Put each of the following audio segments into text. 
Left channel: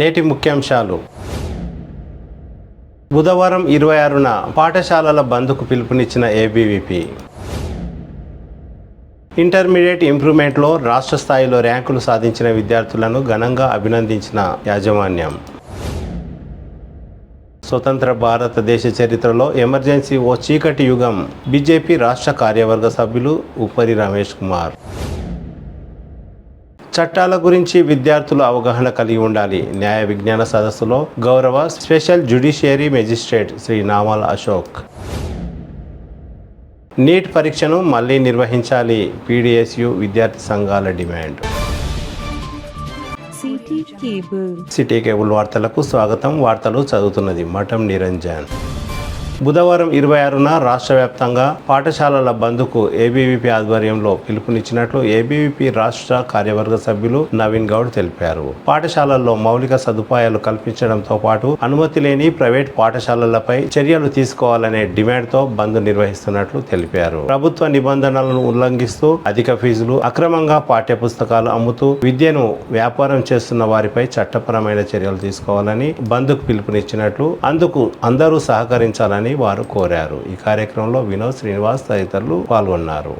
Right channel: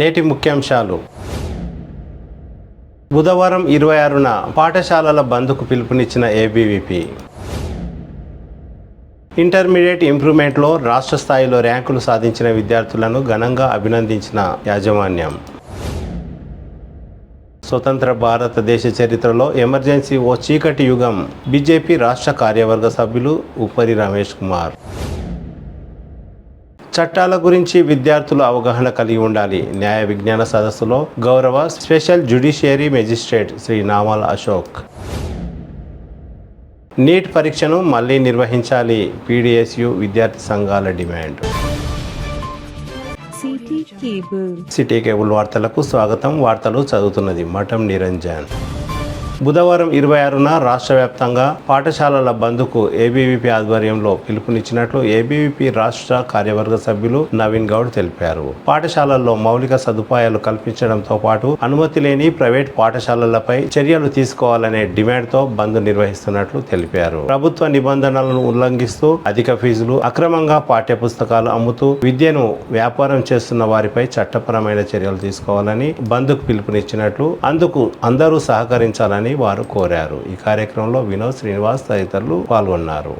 నేటి ముఖ్యాంశాలు. బుధవారం 26న పాఠశాలల బంద్కు పిలుపునిచ్చిన ఏబీవీపీ. ఇంటర్మీడియట్ ఇంప్రూవ్మెంట్లో రాష్ట్ర స్థాయిలో ర్యాంకులు సాధించిన విద్యార్థులను ఘనంగా అభినందించిన యాజమాన్యం. స్వతంత్ర భారతదేశ చరిత్రలో ఎమర్జెన్సీ ఓ చీకటి యుగం. బీజేపీ రాష్ట్ర కార్యవర్గ సభ్యులు ఉపరి రమేష్ కుమార్. చట్టాల గురించి విద్యార్థులు అవగాహన కలిగి ఉండాలి. న్యాయ విజ్ఞాన సదస్సులో గౌరవ స్పెషల్ జ్యుడిషియరీ మెజిస్ట్రేట్ శ్రీ నామాల అశోక్. నీట్ పరీక్షను మళ్లీ నిర్వహించాలి. పీడీఎస్యు విద్యార్థి సంఘాల డిమాండ్. సిటీ కేబుల్ వార్తలకు స్వాగతం. వార్తలు చదువుతున్నది మఠం నిరంజన్. బుధవారం 26న రాష్ట్ర వ్యాప్తంగా పాఠశాలల బంద్కు ఏబీవీపీ ఆధ్వర్యంలో పిలుపునిచ్చినట్లు ఏబీవీపీ రాష్ట్ర కార్యవర్గ సభ్యులు నవీన్ గౌడ్ తెలిపారు. పాఠశాలల్లో మౌలిక సదుపాయాలు కల్పించడంతో పాటు అనుమతి లేని ప్రైవేట్ పాఠశాలలపై చర్యలు తీసుకోవాలనే డిమాండ్తో బంద్ నిర్వహిస్తున్నట్లు తెలిపారు. ప్రభుత్వ నిబంధనలను ఉల్లంఘిస్తూ అధిక ఫీజులు, అక్రమంగా పాఠ్య పుస్తకాలు అమ్ముతూ విద్యను వ్యాపారం చేస్తున్న వారిపై చట్టపరమైన చర్యలు తీసుకోవాలని బంద్కు పిలుపునిచ్చినట్లు, అందుకు అందరూ సహకరించాలని వారు కోరారు. ఈ కార్యక్రమంలో వినోద్, శ్రీనివాస్ తదితరులు పాల్గొన్నారు.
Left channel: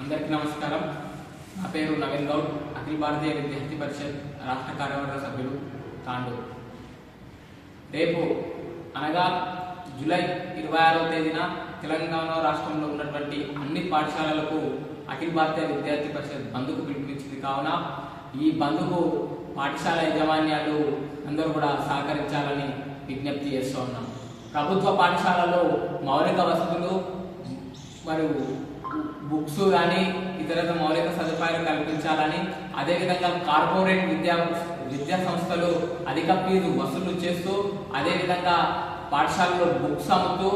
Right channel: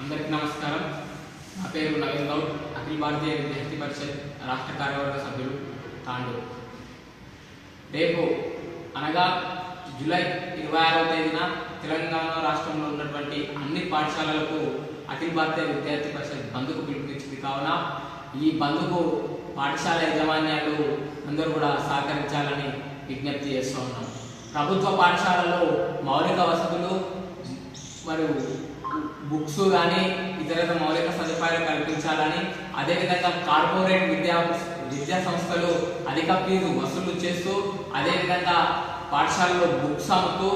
అందరికీ నమస్కారం. నా పేరు నవీన్ గౌడ్, అఖిల భారతీయ విద్యార్థి పరిషత్ రాష్ట్ర కార్యవర్గ సభ్యులు, తాండూరు. రేపు అనగా జూలై 26వ తేదీన తెలంగాణ రాష్ట్రంలో ఉన్నటువంటి అన్ని పాఠశాలలకు అఖిల భారతీయ విద్యార్థి పరిషత్ బంద్కు పిలుపునిచ్చింది. కావున ఈ బంద్కు పాఠశాల యాజమాన్యాలు అందరూ కూడా సహకరించాలని విజ్ఞప్తి చేస్తూ ఉన్నాం. ప్రభుత్వ పాఠశాలలో మౌలిక వసతులు మరియు బుక్స్ కానీ ఇతర మౌలిక సదుపాయాలు కల్పించాలని, అదేవిధంగా కార్పొరేట్ విద్యా సంస్థలు అధిక ఫీజు వసూలు చేస్తూ, అదేవిధంగా పాఠశాలలో బుక్స్ అమ్ముతూ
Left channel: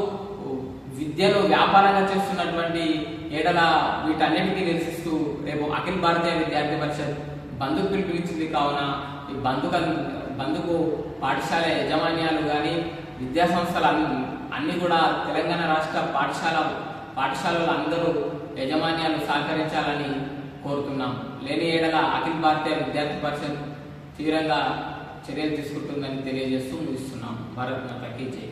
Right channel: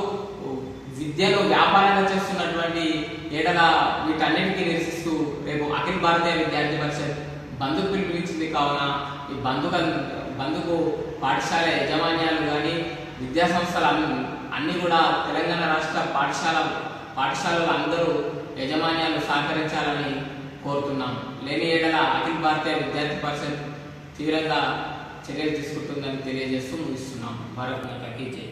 విద్యను వ్యాపారంగా చేస్తున్నటువంటి ఏడల వీటన్నిటికీ నిరసిస్తూ రేపు అఖిల భారతీయ విద్యార్థి పరిషత్ బంధుకు పిలుపునిచ్చింది. కావున ఈ బంధుకు పాఠశాల యాజమాన్యాలు కానీ విద్యా సంస్థలు అన్నీ కూడా తెలంగాణ రాష్ట్ర పాఠశాలలు అందరూ యాజమాన్యాలు సహకరించాలని కోరుతున్నాం. లేని ఏడల అఖిల భారతీయ విద్యార్థి పరిషత్ తీవ్రంగా చర్యలు తీసుకుంటుందని తెలియజేస్తూ ముగిస్తున్నాం. భారత్ మాతాకి జై.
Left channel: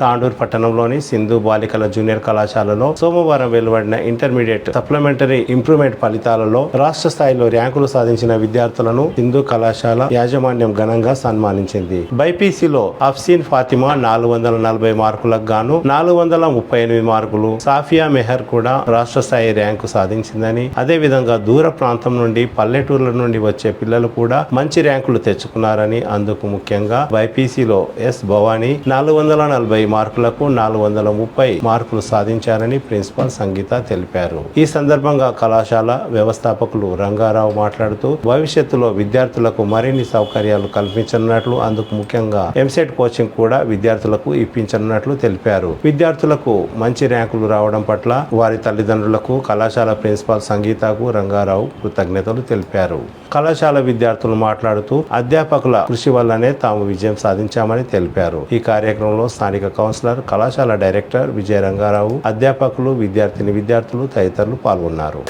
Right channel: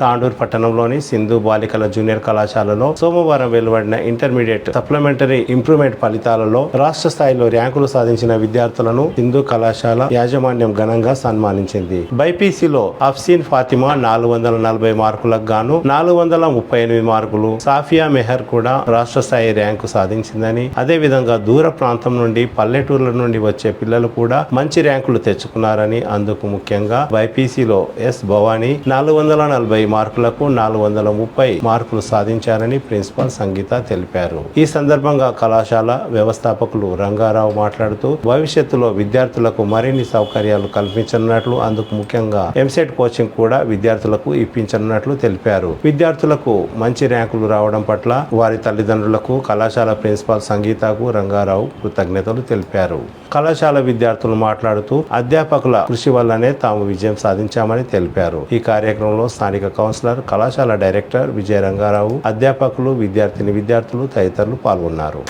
తాండూరు పట్టణంలోని సింధు బాలికల జూనియర్ కళాశాలలో సోమవారం వెలువడిన ఇంటర్మీడియట్ సప్లిమెంటరీ ఇంప్రూవ్మెంట్ ఫలితాలలో రాష్ట్ర స్థాయిలో ర్యాంకులు సాధించిన విద్యార్థులను సింధు కళాశాల యాజమాన్యం ఘనంగా సన్మానించింది. బైపీసీలో అఫ్సీన్ ఫాతిమా 440 మార్కులకు గాను 438 మార్కులు, సాఫియా మెహర్ కూడా రాష్ట్ర స్థాయి ర్యాంకు సాధించిందని, అదేవిధంగా దూర ప్రాంతం నుండి పల్లెటూర్ల నుండి వచ్చే పిల్లలు కూడా మంచి ర్యాంకులు తెచ్చుకున్నారని, అందుకు ముఖ్యంగా బైపీసీలో ఎస్ భవానీ 440 మార్కులకు 430 మార్కులు సాధించారని ప్రిన్సిపాల్ సంగీత తెలిపారు. ఈ సందర్భంగా కళాశాల వ్యవస్థాపకులు రంగారావు మాట్లాడుతూ భవిష్యత్తులో విద్యార్థులకు మరిన్ని సౌకర్యాలు కల్పించనున్నట్లు, అందుకు ముఖ్యంగా ఎంసెట్ కోచింగ్ కూడా విద్యార్థులకు ఇప్పించనున్నట్లు తెలిపారు. విద్యార్థులకు మంచి ర్యాంకులు రావడం పట్ల వారి తల్లిదండ్రులకు, కళాశాల ప్రిన్సిపాల్ సంగీతకు రంగారావు కృతజ్ఞతలు తెలిపారు. కళాశాల విద్యార్థులు మాట్లాడుతూ అధ్యాపకుల కృషి వల్లనే తాము విజయం సాధించామని తెలిపారు. ఈ కార్యక్రమంలో స్థానిక కౌన్సిలర్, కళాశాల డైరెక్టర్ విజయ రంగారావు, అధ్యాపకులు, విద్యార్థులు తదితరులు పాల్గొన్నారు.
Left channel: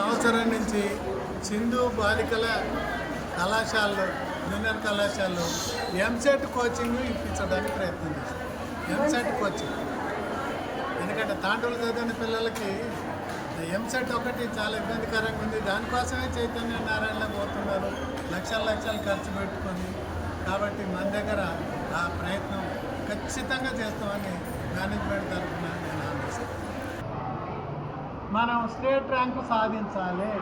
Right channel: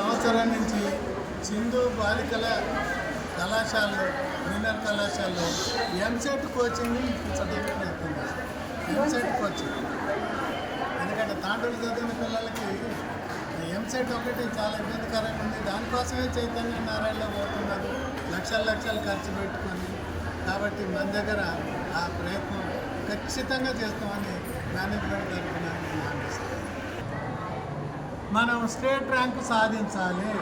సంవత్సరం నుంచి సింధు బాలికల కళాశాలలో, జూనియర్ కళాశాలలో ఎంసెట్ కోచింగ్ ఇప్పించడానికి ప్రయత్నం చేస్తాం. ఎంసెట్ కోచింగ్ ఎందుకంటే తాండూరు చదివిన పిల్లలకి ఎంసెట్ ఒకటి చాలా ఇబ్బందికరంగా ఉంది. దానికోసమే చైతన్య నారాయణలో పోతున్నారు, లక్షలు ఖర్చు పెట్టుకొని. కాబట్టి మన దగ్గర ఆ ప్రయత్నం ఖచ్చితంగా చేస్తామని మేనేజ్మెంట్ తరఫున నేను హామీస్తాను. మనం స్టేట్ ర్యాంకు సాధించాలి.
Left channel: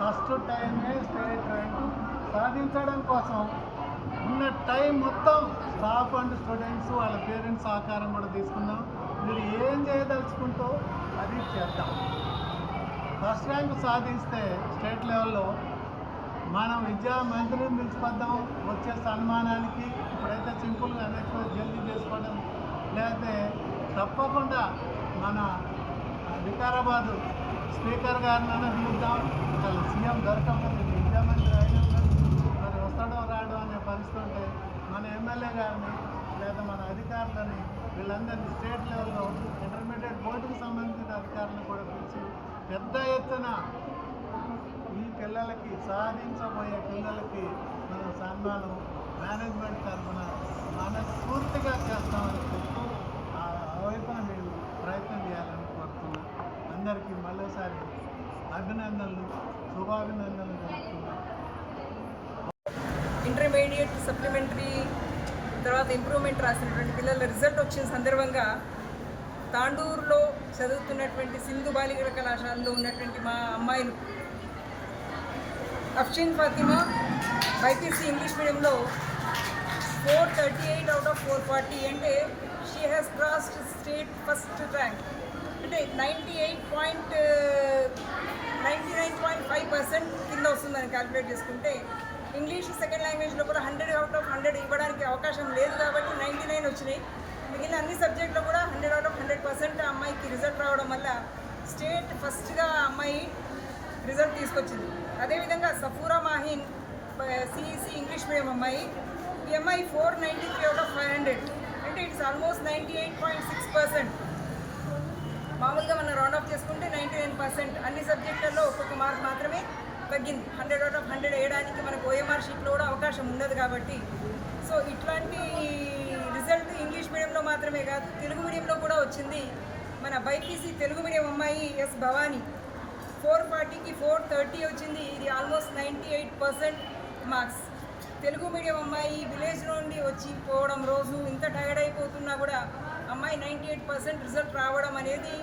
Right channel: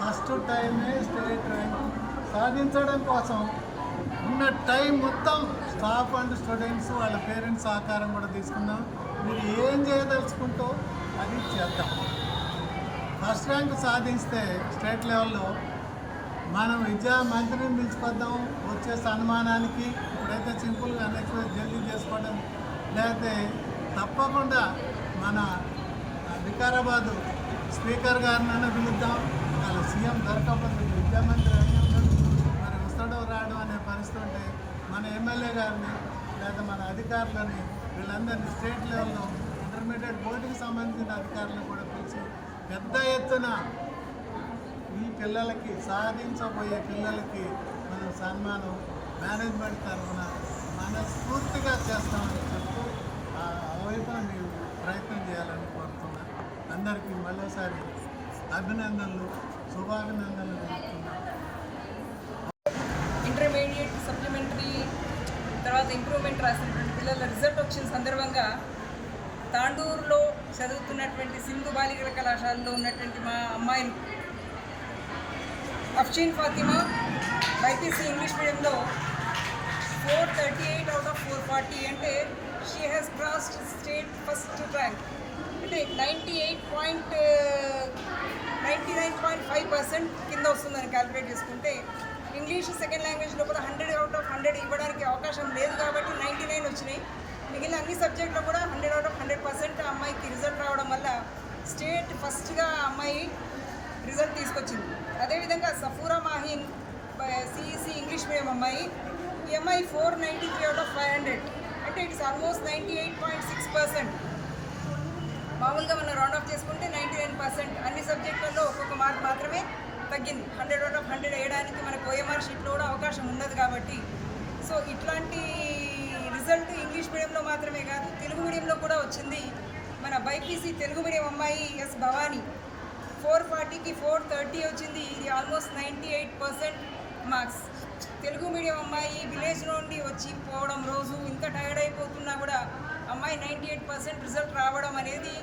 ఫస్ట్ టైమే స్టేట్ ర్యాంకు సాధించడం కోసం ఉన్న టైం మొత్తం స్టాఫ్ అండ్ స్టూడెంట్స్ వాళ్ళ పేరెంట్స్ సహకారం కూడా తీసుకున్నాం. మీరు ఏం చేయదలుచుకుంటూ అది చేద్దాం. ఫస్ట్ ర్యాంక్ సాధిస్తే స్టేట్ లెవెల్లో మనం విద్యా మంత్రిని తీసుకొద్దాం. వచ్చే సన్మానానికి ఇప్పుడైతే సింపుల్గా అనొచ్చు, జల్దీ చేసుకోవడం, లేకపోతే తప్పకుండా మన వికారాబాదు స్పీకర్ గారినైనా పిలుద్దాం, వాళ్ళ సీఎం దొరకకపోతే ముఖ్యమంత్రి అయినా మరి వస్తాడో రాడో అనే పరిస్థితి ఉంటే మన ఎమ్మెల్యే గారిని లేదా మన అధికారులని వీళ్ళందరినీ స్టేట్ లెవెల్లో ఇంటర్మీడియట్ బోర్డుకి సంబంధించిన అధికారులను కూడా పిలిచి పెద్ద ఎత్తున ఈ పిల్లలకి సాధించబోయే పిల్లలకి మనం సన్మానం మేనేజ్మెంట్ తరఫున మనస్ఫూర్తిగా చేస్తామని చెప్తూ ఆ వైపున మీరు ప్రయత్నం చేయాలని కోరుతున్నాను. అందరికీ మరోసారి అభినందనలు, శుభాభినందనలు తెలుపుతున్నాను. ఇంటర్మీడియట్ సప్లిమెంటరీ తర్వాత ఇంప్రూవ్మెంట్ రాసినటువంటి పిల్లల రిజల్ట్ వచ్చిన సందర్భంగా తాండూరులో చదువుతున్నటువంటి సింధు బాలికల కళాశాలలో ఉన్నటువంటి మా అమ్మాయిలు అఫ్షీన్ ఫాతిమా బైపీసీ ఇంగ్లీష్ మీడియంలో 438 అవుట్ ఆఫ్ 440 అంటే she has crossed state first rank అంటే 99.5% కింద వస్తుందని క్యాలిక్యులేట్ చేసుకుంటే ఇంగ్లీష్ సెకండ్ లాంగ్వేజ్లో కూడా 100 అవుట్ ఆఫ్ 100 ఇవ్వడానికి అవకాశం లేదు కాబట్టి 99 వచ్చినాయి. మిగిలిన అన్ని సబ్జెక్టులో కూడా 100 అవుట్ ఆఫ్ 100% ఆ అమ్మాయికి రిజల్ట్ రావడం వల్ల స్టేట్ ఫస్ట్గా ఆ అమ్మాయి రిజల్ట్ తీసుకొచ్చింది. అదేవిధంగా Safura Mahin CEC English medium అమ్మాయి, ఈ అమ్మాయి 493 అవుట్ ఆఫ్ 500 అంటే ఇట్స్ ఆల్మోస్ట్ 98.6%. మామూలుగా మనం రౌండ్ ఆఫ్ చేసుకుంటే 99%. అన్ని సబ్జెక్టులలో ఒక్కొక్క మార్క్ మాత్రమే తగ్గింది. 100 అవుట్ ఆఫ్ 100 వేయడానికి మనకు ఓఎంఆర్ షీట్లో కూడా అవకాశం ఉండదు కాబట్టి సో ఇట్లాంటి రిజల్ట్ ఇంగ్లీష్ మీడియంలో మాత్రమే కాదు తెలుగు మీడియంలో కూడా వచ్చింది. మన బైపీసీ తెలుగు మీడియం అమ్మాయి ఎస్ భవానీ 440కి 430 వచ్చింది. ఇది ఆల్మోస్ట్ 98% మార్క్స్. తెలుగు మీడియం అమ్మాయి విలేజ్ నుండి వచ్చి పోవడం రోజు ఇంత టైర్డ్ అయిపోతున్నా కూడా అమ్మాయి 98% రిజల్ట్ రావడం అనేది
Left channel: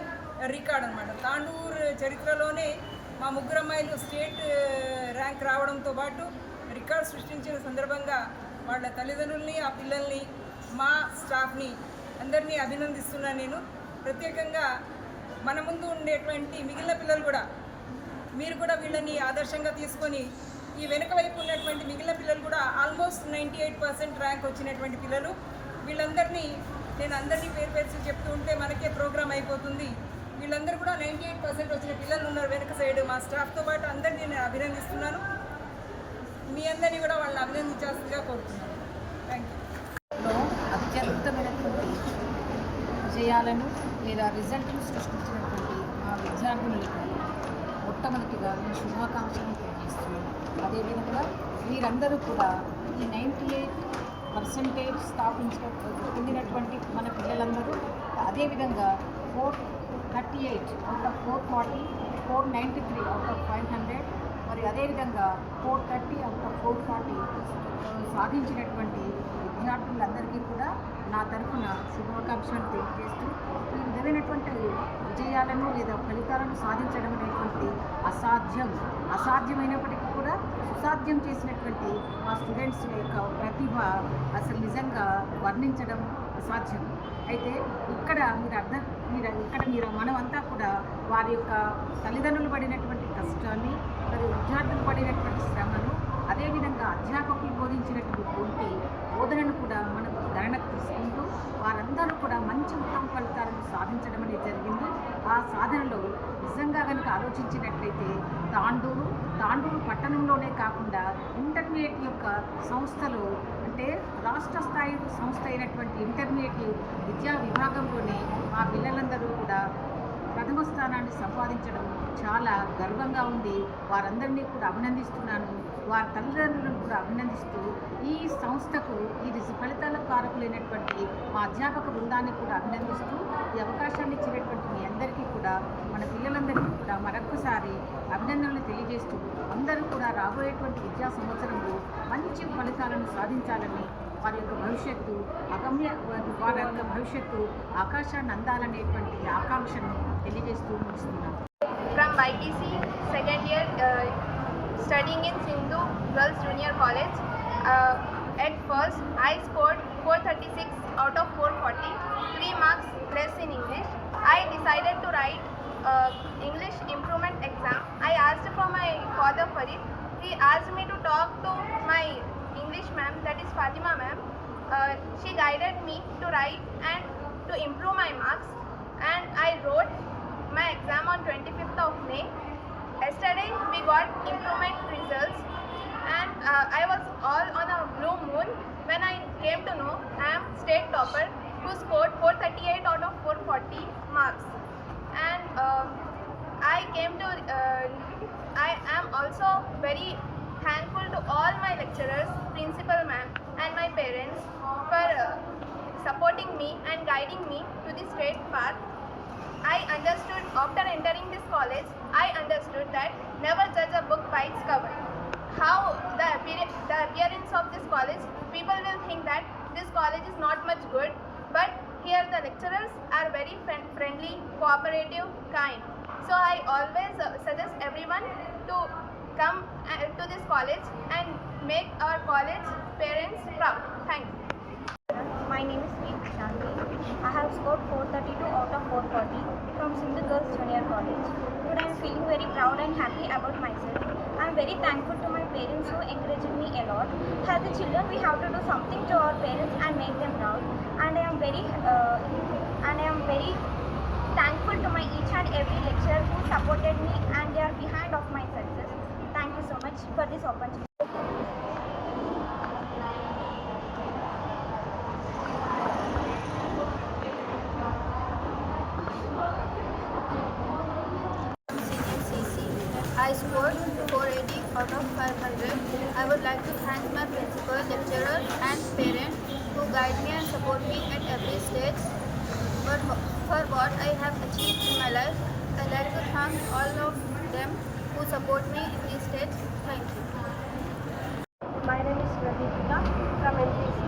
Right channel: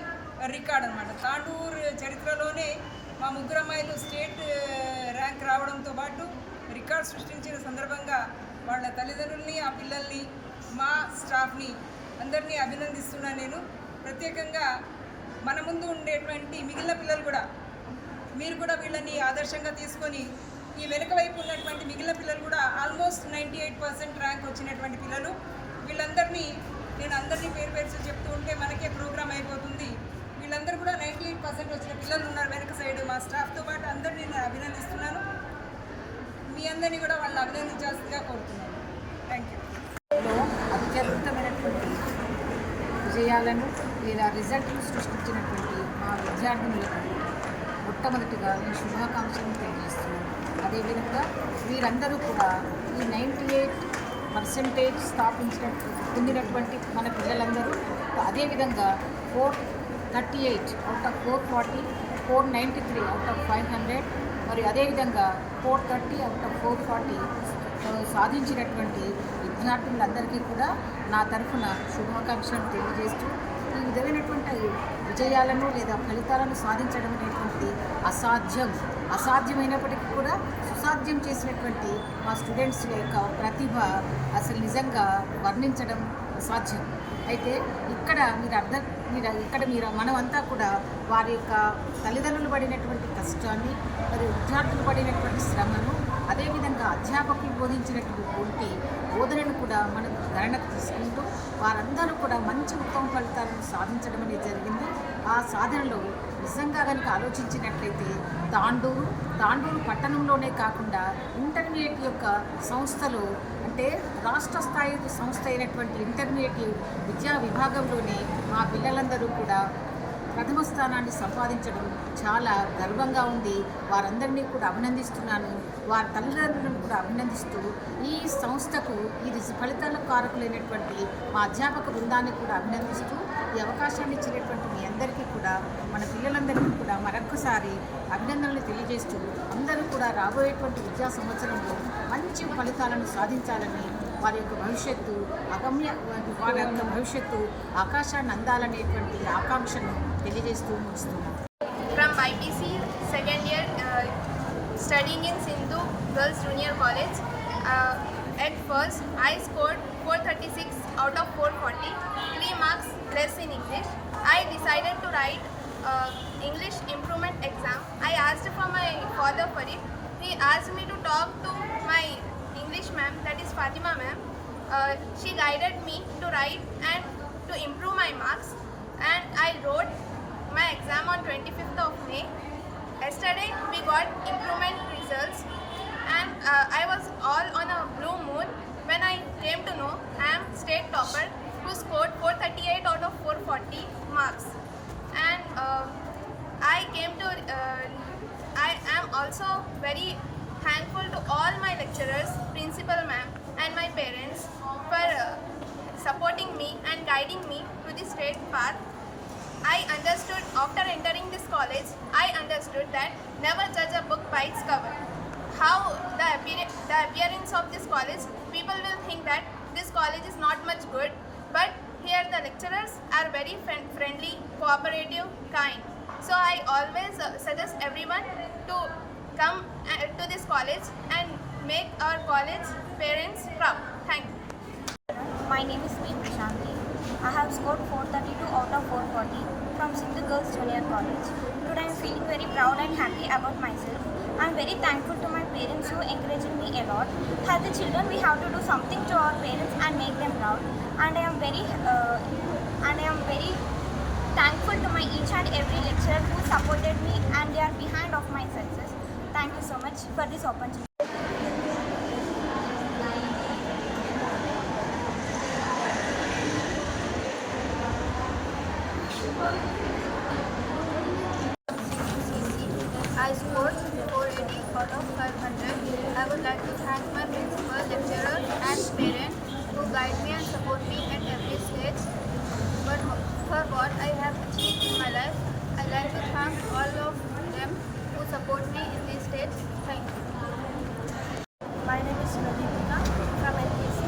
రికార్డ్ అనమాట. తాండూరు చరిత్రలోనే మా ముగ్గురు అమ్మాయిలు స్టేట్ ర్యాంక్ రావడంతో పాటు రికార్డ్ సృష్టించిన సందర్భంగా వాళ్ళ తల్లిదండ్రుల్ని ఆ పిల్లల్ని మా స్టాఫ్ని అందరినీ అభినందిస్తున్నాను. నేను ప్రత్యేకంగా మన ముందు ఉండేటువంటి మిగిలిన పిల్లలు కూడా మీరు కూడా వీళ్ళని ఆదర్శంగా తీసుకొని ఈ వెనుక వైపు ఉన్నటువంటి మిగిలిన పిల్లలు కూడా ఆల్మోస్ట్ 98% ర్యాంక్ వచ్చినటువంటి పిల్లలు వీళ్ళందరినీ నేను అందరినీ పేరు పేరు చెప్తూ ఉంటే మనకే ప్రోగ్రామ్ అయిపోతుంది. వీళ్ళందరూ కూడా 98% వచ్చిన పిల్లలు ఉన్నారు వెనక సైడ్. మా స్టాఫ్తో పాటు అందరినీ నేను అభినందిస్తున్నాను. మీ అందరినీ కూడా వాళ్ళని అభినందించాల్సిందిగా కోరుతున్నాను. Thank you. అత్యద్భుతమైనటువంటి విజయాలను లేదా రిజల్ట్ను సృష్టించినటువంటి మా విద్యార్థులకు మొట్టమొదటిగా నేను శుభాకాంక్షలను తెలియజేస్తున్నాను. అదేవిధంగా వీరందరూ కూడా ఈ 98% పొందినటువంటి మన పిల్లలందరూ అదేవిధంగా 438 అవుట్ ఆఫ్ 440, 493 అవుట్ ఆఫ్ 500 మరియు అదేవిధంగా 430 అవుట్ ఆఫ్ 440 సాధించినటువంటి విద్యార్థులందరికీ కూడా నా తరఫున శుభాకాంక్షలు తెలియజేస్తూ ఈ విధమైనటువంటి విజయాలను లేదా ఫలితాలను సాధించడం అనేటువంటిది అసాధ్యమైనప్పటికీ కూడా సుసాధ్యం చేసినటువంటి మా స్టూడెంట్స్ యొక్క ప్రతిభ అసలు నిజంగా వర్ణించడం అసాధ్యం. అయితే ఇక్కడ మీరు మనమంతా కూడా వారి యొక్క తల్లిదండ్రులు పడినటువంటి కష్టాన్ని మరియు విద్యార్థులు పడినటువంటి శ్రమను అదేవిధంగా అధ్యాపకులు బోధించినటువంటి బోధనను కూడా మనం గణనకు తీసుకుంటూ వారందరూ కూడా మంచి ఉత్తమ ఫలితాలను సాధించడం అనేది జరిగింది. ఆ సాధనలో నిజంగా కనుక ఆలోచించినట్లయితే తాండూరు పట్టణంలోనే కాకుండా ఇంటర్మీడియట్ యొక్క సంస్థలు అంటే రాష్ట్ర స్థాయి సంస్థ అయినటువంటి ఇంటర్మీడియట్ విద్యా విభాగంలోనే మా పిల్లలందరూ కూడా ప్రథమ స్థానాన్ని సంపాదించడం చాలా గర్వంగా ఉంది. వారందరినీ కూడా అభినందిస్తున్నాను. వారి తల్లిదండ్రులను కూడా అభినందిస్తూ ఈ సంస్థకు ఇది ఫలితాల కారకులైనటువంటి మా అధ్యాపక బృందాన్ని కూడా అభినందిస్తూ ఈ అవకాశాన్ని ఇచ్చినటువంటి మీ అందరికీ కూడా మన పిల్లలందరికీ కూడా మరొక్కసారి అభినందనలు తెలియజేస్తూ అందరూ కూడా రాబోయేటువంటి విద్యా సంవత్సరంలో మంచి ఫలితాలను సాధించాలని వారి యొక్క భవిష్యత్తు ఆకాశాన్ని అందాలనేటువంటి ఆకాంక్షను తెలియజేస్తూ ముగిస్తున్నాను. From ITC second year studying in Sindhu Girls Junior College. At first I scored 436 out of 440, 3 marks less in English. I decided to write English improvement exam. I asked for my father for it. He asked me to talk to my English ma'am, that is Fatima ma'am. She guided me to write and to improve my marks, and I wrote my exam on 25th of May. Yesterday we got improvement results, and I was all on a blue moon when I came to know I am state topper who scored 438 out of 440 marks. And I am also very thankful to all my lecturers, principal ma'am and my parents for supporting me and guiding me to the straight path. I understood after entering this college, I understood that never judge a book by its cover. How the appearance of this college, people will think that this college is not much good, but here the lecturers are very friendly, cooperative, kind. So I always suggest everyone to come to this college and make our college parents proud. Thank you. My name is P. Shanti. I have scored 432 out of 440 from Sindhu Girls Junior College. Today I am feeling very proud and happy about myself. I am very thankful to my parents who encouraged me a lot. As the children, we have to do something to our parents and make them proud. And I am very thankful to my each and every lecturer who supported me, and they are behind of my success. Thank you so much for this opportunity. I scored 480 out of 500. I would like to thank my principal, lecturer and parents who guide me and support me at every stage. But for what I have achieved in my life, I like to thank all of them who support me in this stage. Thank you. My name is Shivadipika from LPC,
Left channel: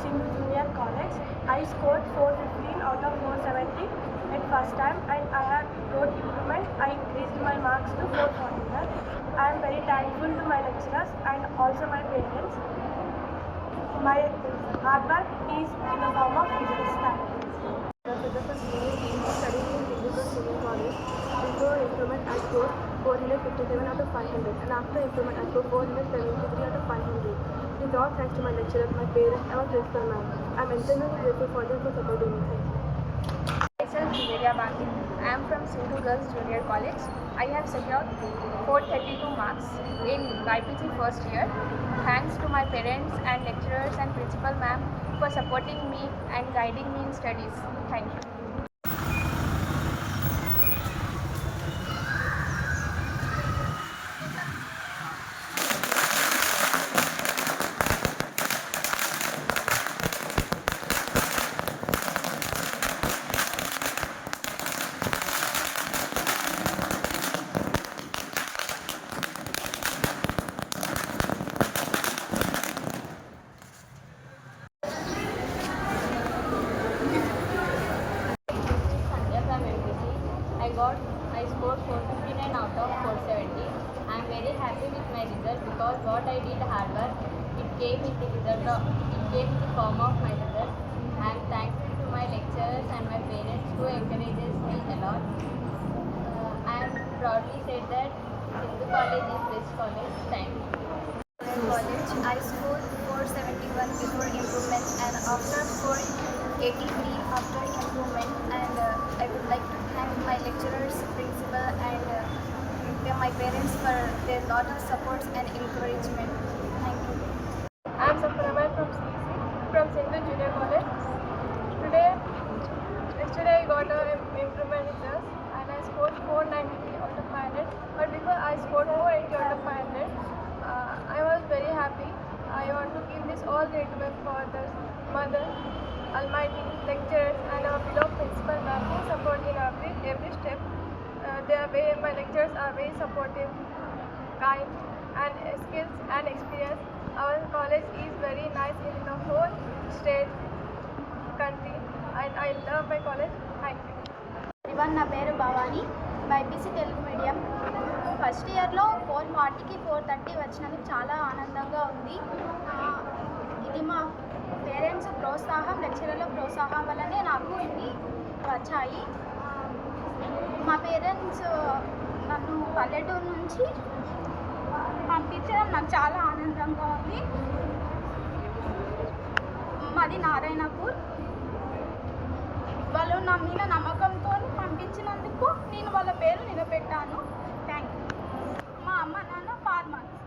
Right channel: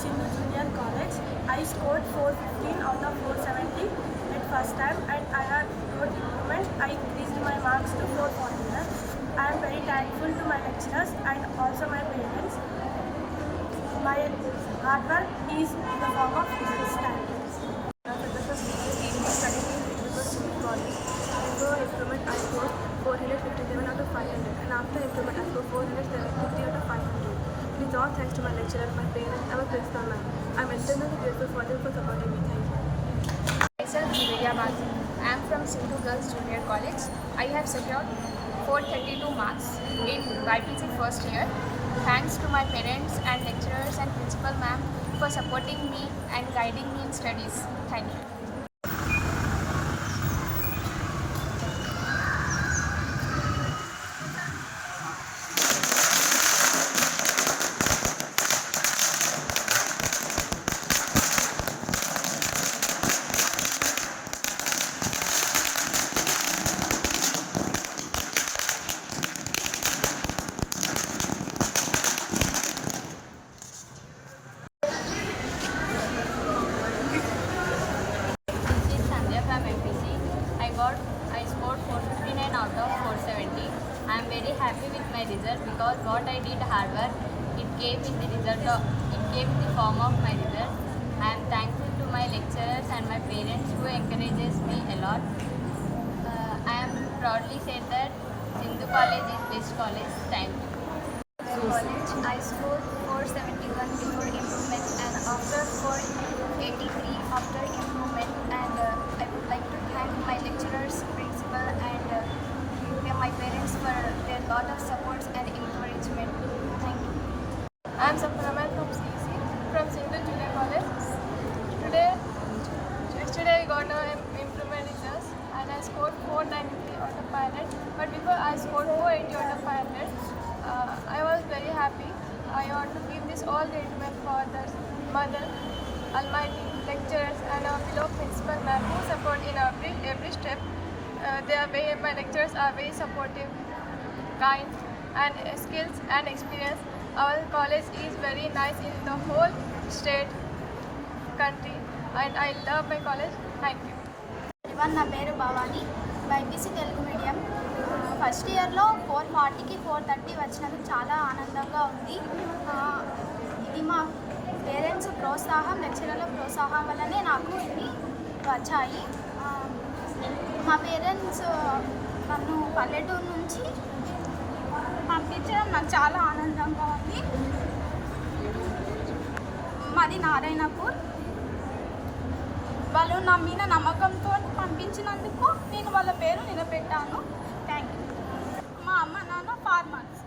Sindhu Junior College. I scored 415 out of 470 at first time, and I have got improvement. I increased my marks to 441. I am very thankful to my lecturers and also my parents. My hard work is in the form of this time. Studying in Sindhu Junior College. Before improvement, I scored 457 out of 500, and after improvement, I scored 473 out of 500. It is all thanks to my lecturer, my parents, and my principal ma'am. I am eternally grateful for them for supporting me. Thank you. Myself, Nivedya Bhasin. I am from Sindhu Girls Junior College. I have secured 432 marks in YPC first year. Thanks to my parents and lecturers and principal ma'am for supporting me and guiding me in studies. Thank you. I scored 459 out of 470. I am very happy with my result because what I did hard work, it came in the form of my result. I am thankful to my lecturers and my parents who encourages me a lot. I am proudly said that Sindhu College is best college. Thank you. College, I scored 471 before improvement and after 483 after improvement, and I would like to thank my lecturers, principal and my parents for their lot of supports and encouragement. Thank you. I am Sapramai from CC from Sindhu Junior College. Yesterday I got an improvement results and I scored 490 out of 500. But before I scored 480 out of 500. I was very happy. I want to give this all gratitude for the Mother, Almighty, lecturers and our beloved principal ma'am who support in every step. My lecturers are very supportive, kind and skills and experience. Our college is very nice in the whole state, country, and I love my college. Thank you. ఇవన్ నా పేరు Bhavani, YPC Telugu medium. First ఇయర్లో 440కి 430 వచ్చినందుకు చాలా ఆనందంగా ఉంది. ఇది మా పేరెంట్స్ ప్రోత్సాహం, లెక్చరర్ల ప్రోత్సాహం వల్లనే నాకు ఇన్ని వచ్చాయి. మా పేరెంట్స్ నన్ను పల్లెటూరు నుంచి పంపించడం నాకు చాలా ఆనందంగా ఉంది. మాది నారాయణపూర్. వాళ్ళు నా మీద నమ్మకంతో పంపించినందుకు నేను వాళ్ళ పేరు నిలబెట్టాను. Thank you. మా అమ్మ నాన్న ఫార్మర్స్.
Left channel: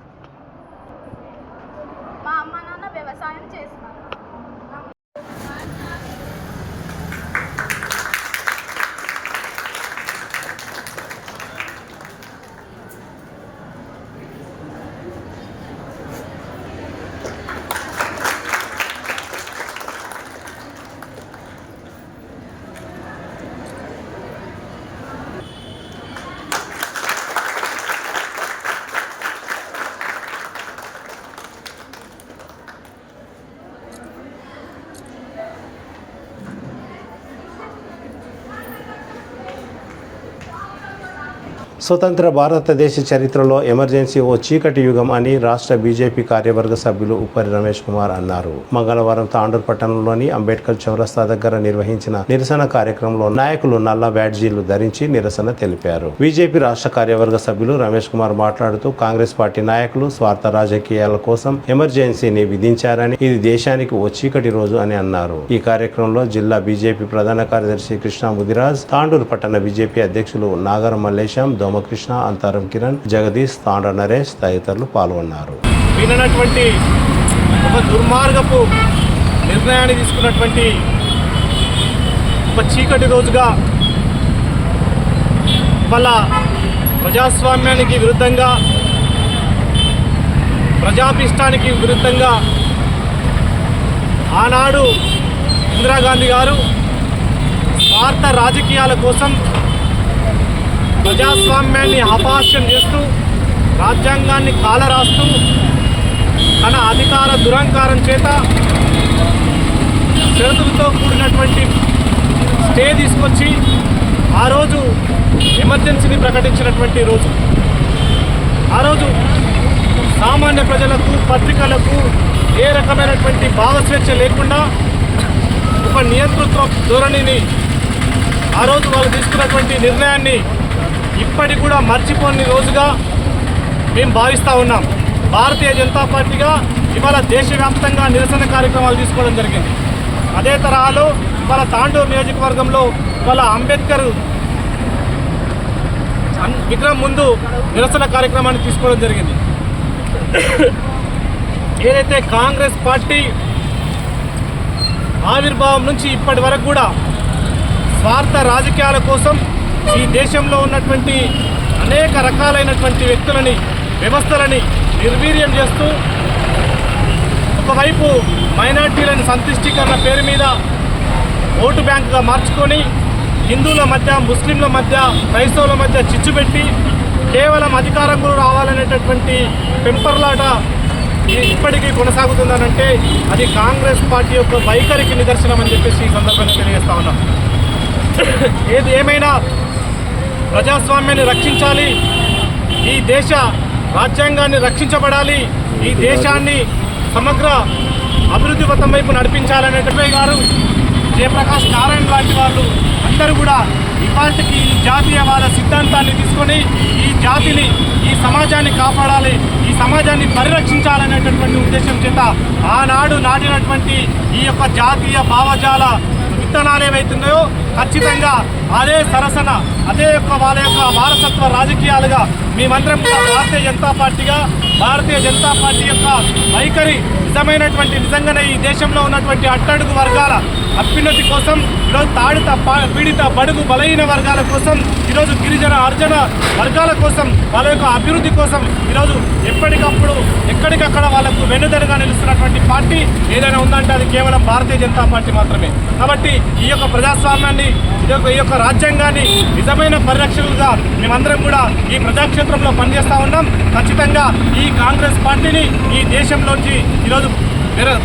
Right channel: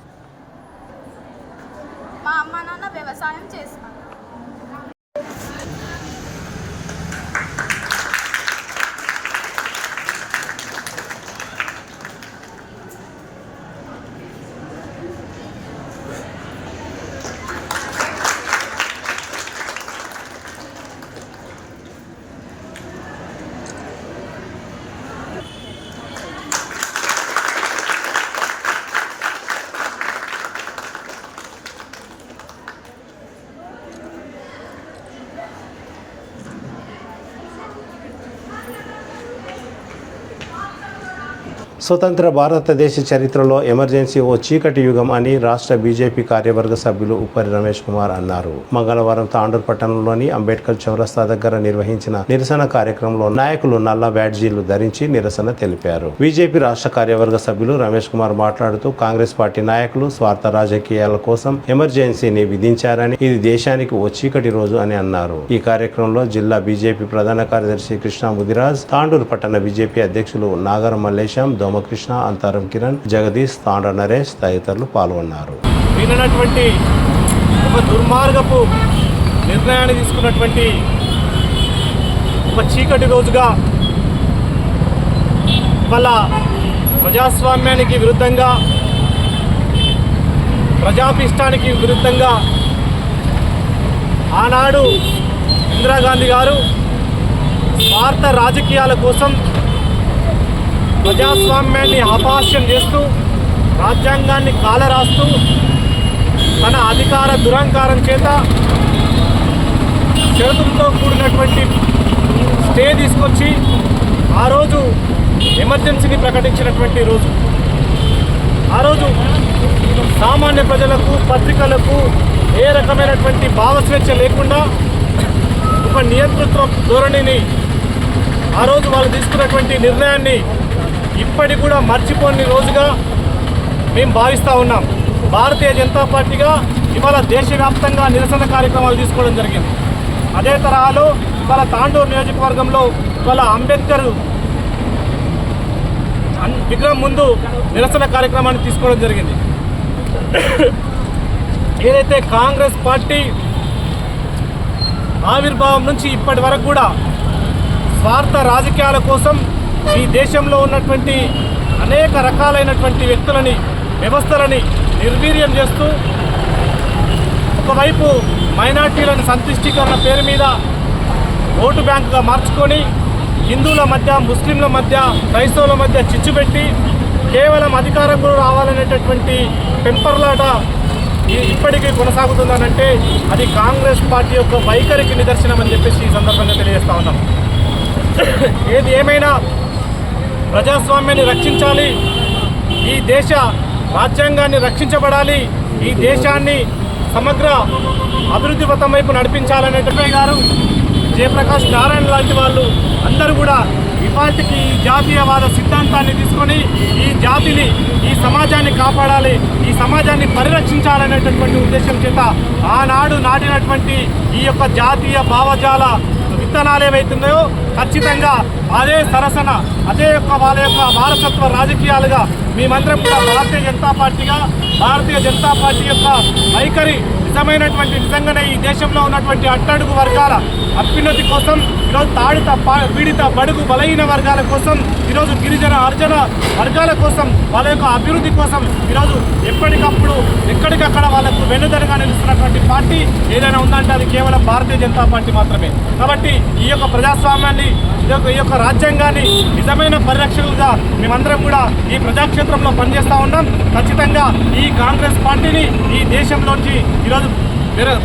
మా అమ్మ నాన్న వ్యవసాయం చేస్తారు. స్వతంత్ర భారతదేశ చరిత్రలో ఎమర్జెన్సీ ఓ చీకటి యుగం అని రాష్ట్ర బీజేపీ కార్యవర్గ సభ్యులు ఉప్పరి రమేష్ కుమార్ అన్నారు. మంగళవారం తాండూరు పట్టణంలోని అంబేద్కర్ చౌరస్తా దగ్గర నిర్వహించిన నిరసన కార్యక్రమంలో నాయకులు నల్ల బ్యాడ్జీలు ధరించి నిరసన తెలిపారు. బీజేపీ రాష్ట్ర కార్యవర్గ సభ్యులు రమేష్ కుమార్ మాట్లాడుతూ కాంగ్రెస్ పార్టీ నాయకులు స్వార్థ రాజకీయాల కోసం ఎమర్జెన్సీని విధించారని, ఇది దేశానికి ఓ చీకటి రోజు అని అన్నారు. ఈ కార్యక్రమంలో జిల్లా బీజేపీ ప్రధాన కార్యదర్శి కృష్ణ ముదిరాజ్, తాండూరు పట్టణ బీజేపీ అధ్యక్షులు నాగర మల్లేశం, కృష్ణ, అంతరం కిరణ్, జగదీష్, తాండ్ర నరేష్ తదితరులు పాల్గొన్నారు. విననటువంటి ఒక దుర్మార్గపు నిర్ణయాన్ని తీసుకున్నటువంటి ఒక చీకటి రోజుగా ఇవాళ ప్రజాస్వామ్యానికి విరుద్ధంగా, ప్రజాభిష్టానికి విరుద్ధంగా ఆనాడు ఇందిరాగాంధీ గారు స్వార్థ రాజకీయాల కోసం ప్రజాస్వామ్యాన్ని అపహాస్యం చేస్తూ, రాజ్యాంగాన్ని కాలరాస్తూ, తన అధికార దురహంకారం చేత షరతులతో కూడినటువంటి స్టే తీసుకొచ్చి ఆ రోజు ఎమర్జెన్సీని ప్రకటించినటువంటి రోజు. ఆ రోజు సామాన్య ప్రజలకు, పత్రికలకు ఏ రకమైనటువంటి భావస్వేచ్ఛ లేకుండా ఒక నియంతృత్వ ధోరణిని ఆ రోజు వాళ్ళు తీసుకున్నటువంటి నిర్ణయాన్ని ఇప్పటికి కూడా మర్చిపోని రోజుగా మేము భావిస్తూ ఉన్నాం. భారతీయ జనతా పార్టీగా ఇవాళ దేశవ్యాప్తంగా నిరసన కార్యక్రమాలు తీసుకోవడం జరిగింది. అదే తరహాలో ఇవాళ తాండూరు నియోజకవర్గంలో ఇవాళ అంబేద్కర్ విగ్రహం ముందు నిరసన కార్యక్రమాన్ని తీసుకోవడం జరిగింది. ఏదైతే కాంగ్రెస్ పార్టీ ఆవిర్భావం నుంచి ఇప్పటి వరకు కూడా స్వార్థ రాజకీయాల కోసం ఈ దేశంలో ఉన్నటువంటి అనేక రకాలైనటువంటి వ్యక్తులని, వ్యవస్థలని నిర్వీర్యం చేస్తూ, ఒకవైపు మైనార్టీలను సంతుష్టీకరణ పేరు మీద ఓటు బ్యాంకుగా మార్చుకొని హిందువుల మధ్య, ముస్లింల మధ్య, క్రైస్తవుల మధ్య చిచ్చు పెట్టి కేవలం అధికారం కూడా రావాలనేటటువంటి పెంపర్లాట ఇప్పటికీ కొనసాగుతుందనంటే అది కాంగ్రెస్ పార్టీ యొక్క వైఖరికి నిదర్శనం అని చెప్పేసి ఈ సందర్భంగా తెలియజేస్తా ఉన్నాం. ఏది ఏమైనా ప్రజాస్వామ్యాన్ని రక్షించాలి, ఈ దేశ రాజ్యాంగాన్ని రక్షించబడాలి, ఈ దేశాన్ని సమగ్ర అభివృద్ధి పథం వైపు నడిపించాలనే గారు, జయప్రకాష్ నారాయణ లాంటి వాళ్ళు అందరూ కూడా ఇవాళకి ఈ జాతీయవాద సిద్ధాంతాన్ని తీసుకొని ఈ జాతిని, ఈ సమాజాన్ని కాపాడాలి, ఈ సమాజాన్ని పరిరక్షించాలనేటటువంటి ఉద్దేశం చేత ఆనాడు నాటినటువంటి ఈ యొక్క జాతీయ భావజాల విత్తనాలు ఏవైతున్నాయో ఖచ్చితంగా అదే సరసన, అదే యొక్క వాళ్ళ యొక్క వారసత్వ రాజకీయాలుగా మేమందరం కూడా భారతీయ జనతా పార్టీ యొక్క వైఖరి నిజంగానే ఈ దేశంలో ఉన్నటువంటి అట్టడుగు వర్గాల అభ్యున్నతి కోసం, ఈరోజు పీడిత బడుగు బలహీన వర్గాల కోసం, ఈరోజు గిరిజన అర్జన వర్గాల కోసం, వాళ్ళ యొక్క అభివృద్ధి కోసం ఈరోజు ఎప్పటికప్పుడు ఎక్కడికక్కడ వాళ్ళకు వెన్నుదడుగా నిలుస్తున్నటువంటి పార్టీ ఏదైనా ఉందంటే అది కేవలం భారతీయ జనతా పార్టీ మాత్రమే. కాబట్టి ఈ యొక్క ప్రజాస్వామ్యాన్ని, ఈ యొక్క రాజ్యాంగాన్ని నిజమైన పరిరక్షకులుగా మేమందరం కూడా ఈ ప్రజాక్షేత్రంలో పనిచేస్తూ ఉన్నాం. ఖచ్చితంగా ఈ కాంగ్రెస్ పార్టీని ఈ దేశంలోంచి ఈరోజు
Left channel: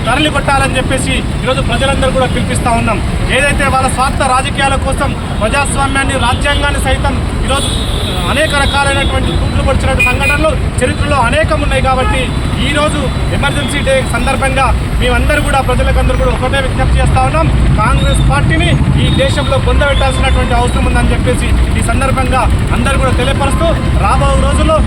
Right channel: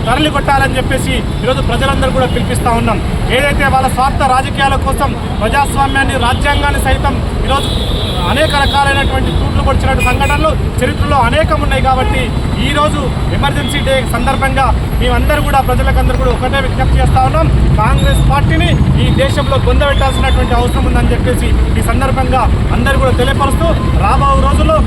తరలి కొట్టాలని చెప్పేసి ఈరోజు ప్రజలందరూ కూడా పిలిపిస్తూ ఉన్నాం. ఏదైతే వాళ్ళ స్వార్థ రాజకీయాల కోసం ప్రజాస్వామ్యాన్ని, రాజ్యాంగాన్ని సైతం ఈరోజు అనేక రకాలైనటువంటి తూట్లు పొడిచినటువంటి సంఘటనలు చరిత్రలో అనేకం ఉన్నాయి. కాబట్టి ఈరోజు ఎమర్జెన్సీ డే సందర్భంగా మేమందరూ కూడా ప్రజలకందరూ కూడా ఒకటే విజ్ఞప్తి చేస్తూ ఉన్నాం, కాంగ్రెస్ పార్టీని ఈ దేశంలో పొందబెట్టాల్సినటువంటి అవసరం ఉందని చెప్పేసి ఈ సందర్భంగా అందరూ కూడా తెలియపరుస్తూ రాబోయే రోజుల్లో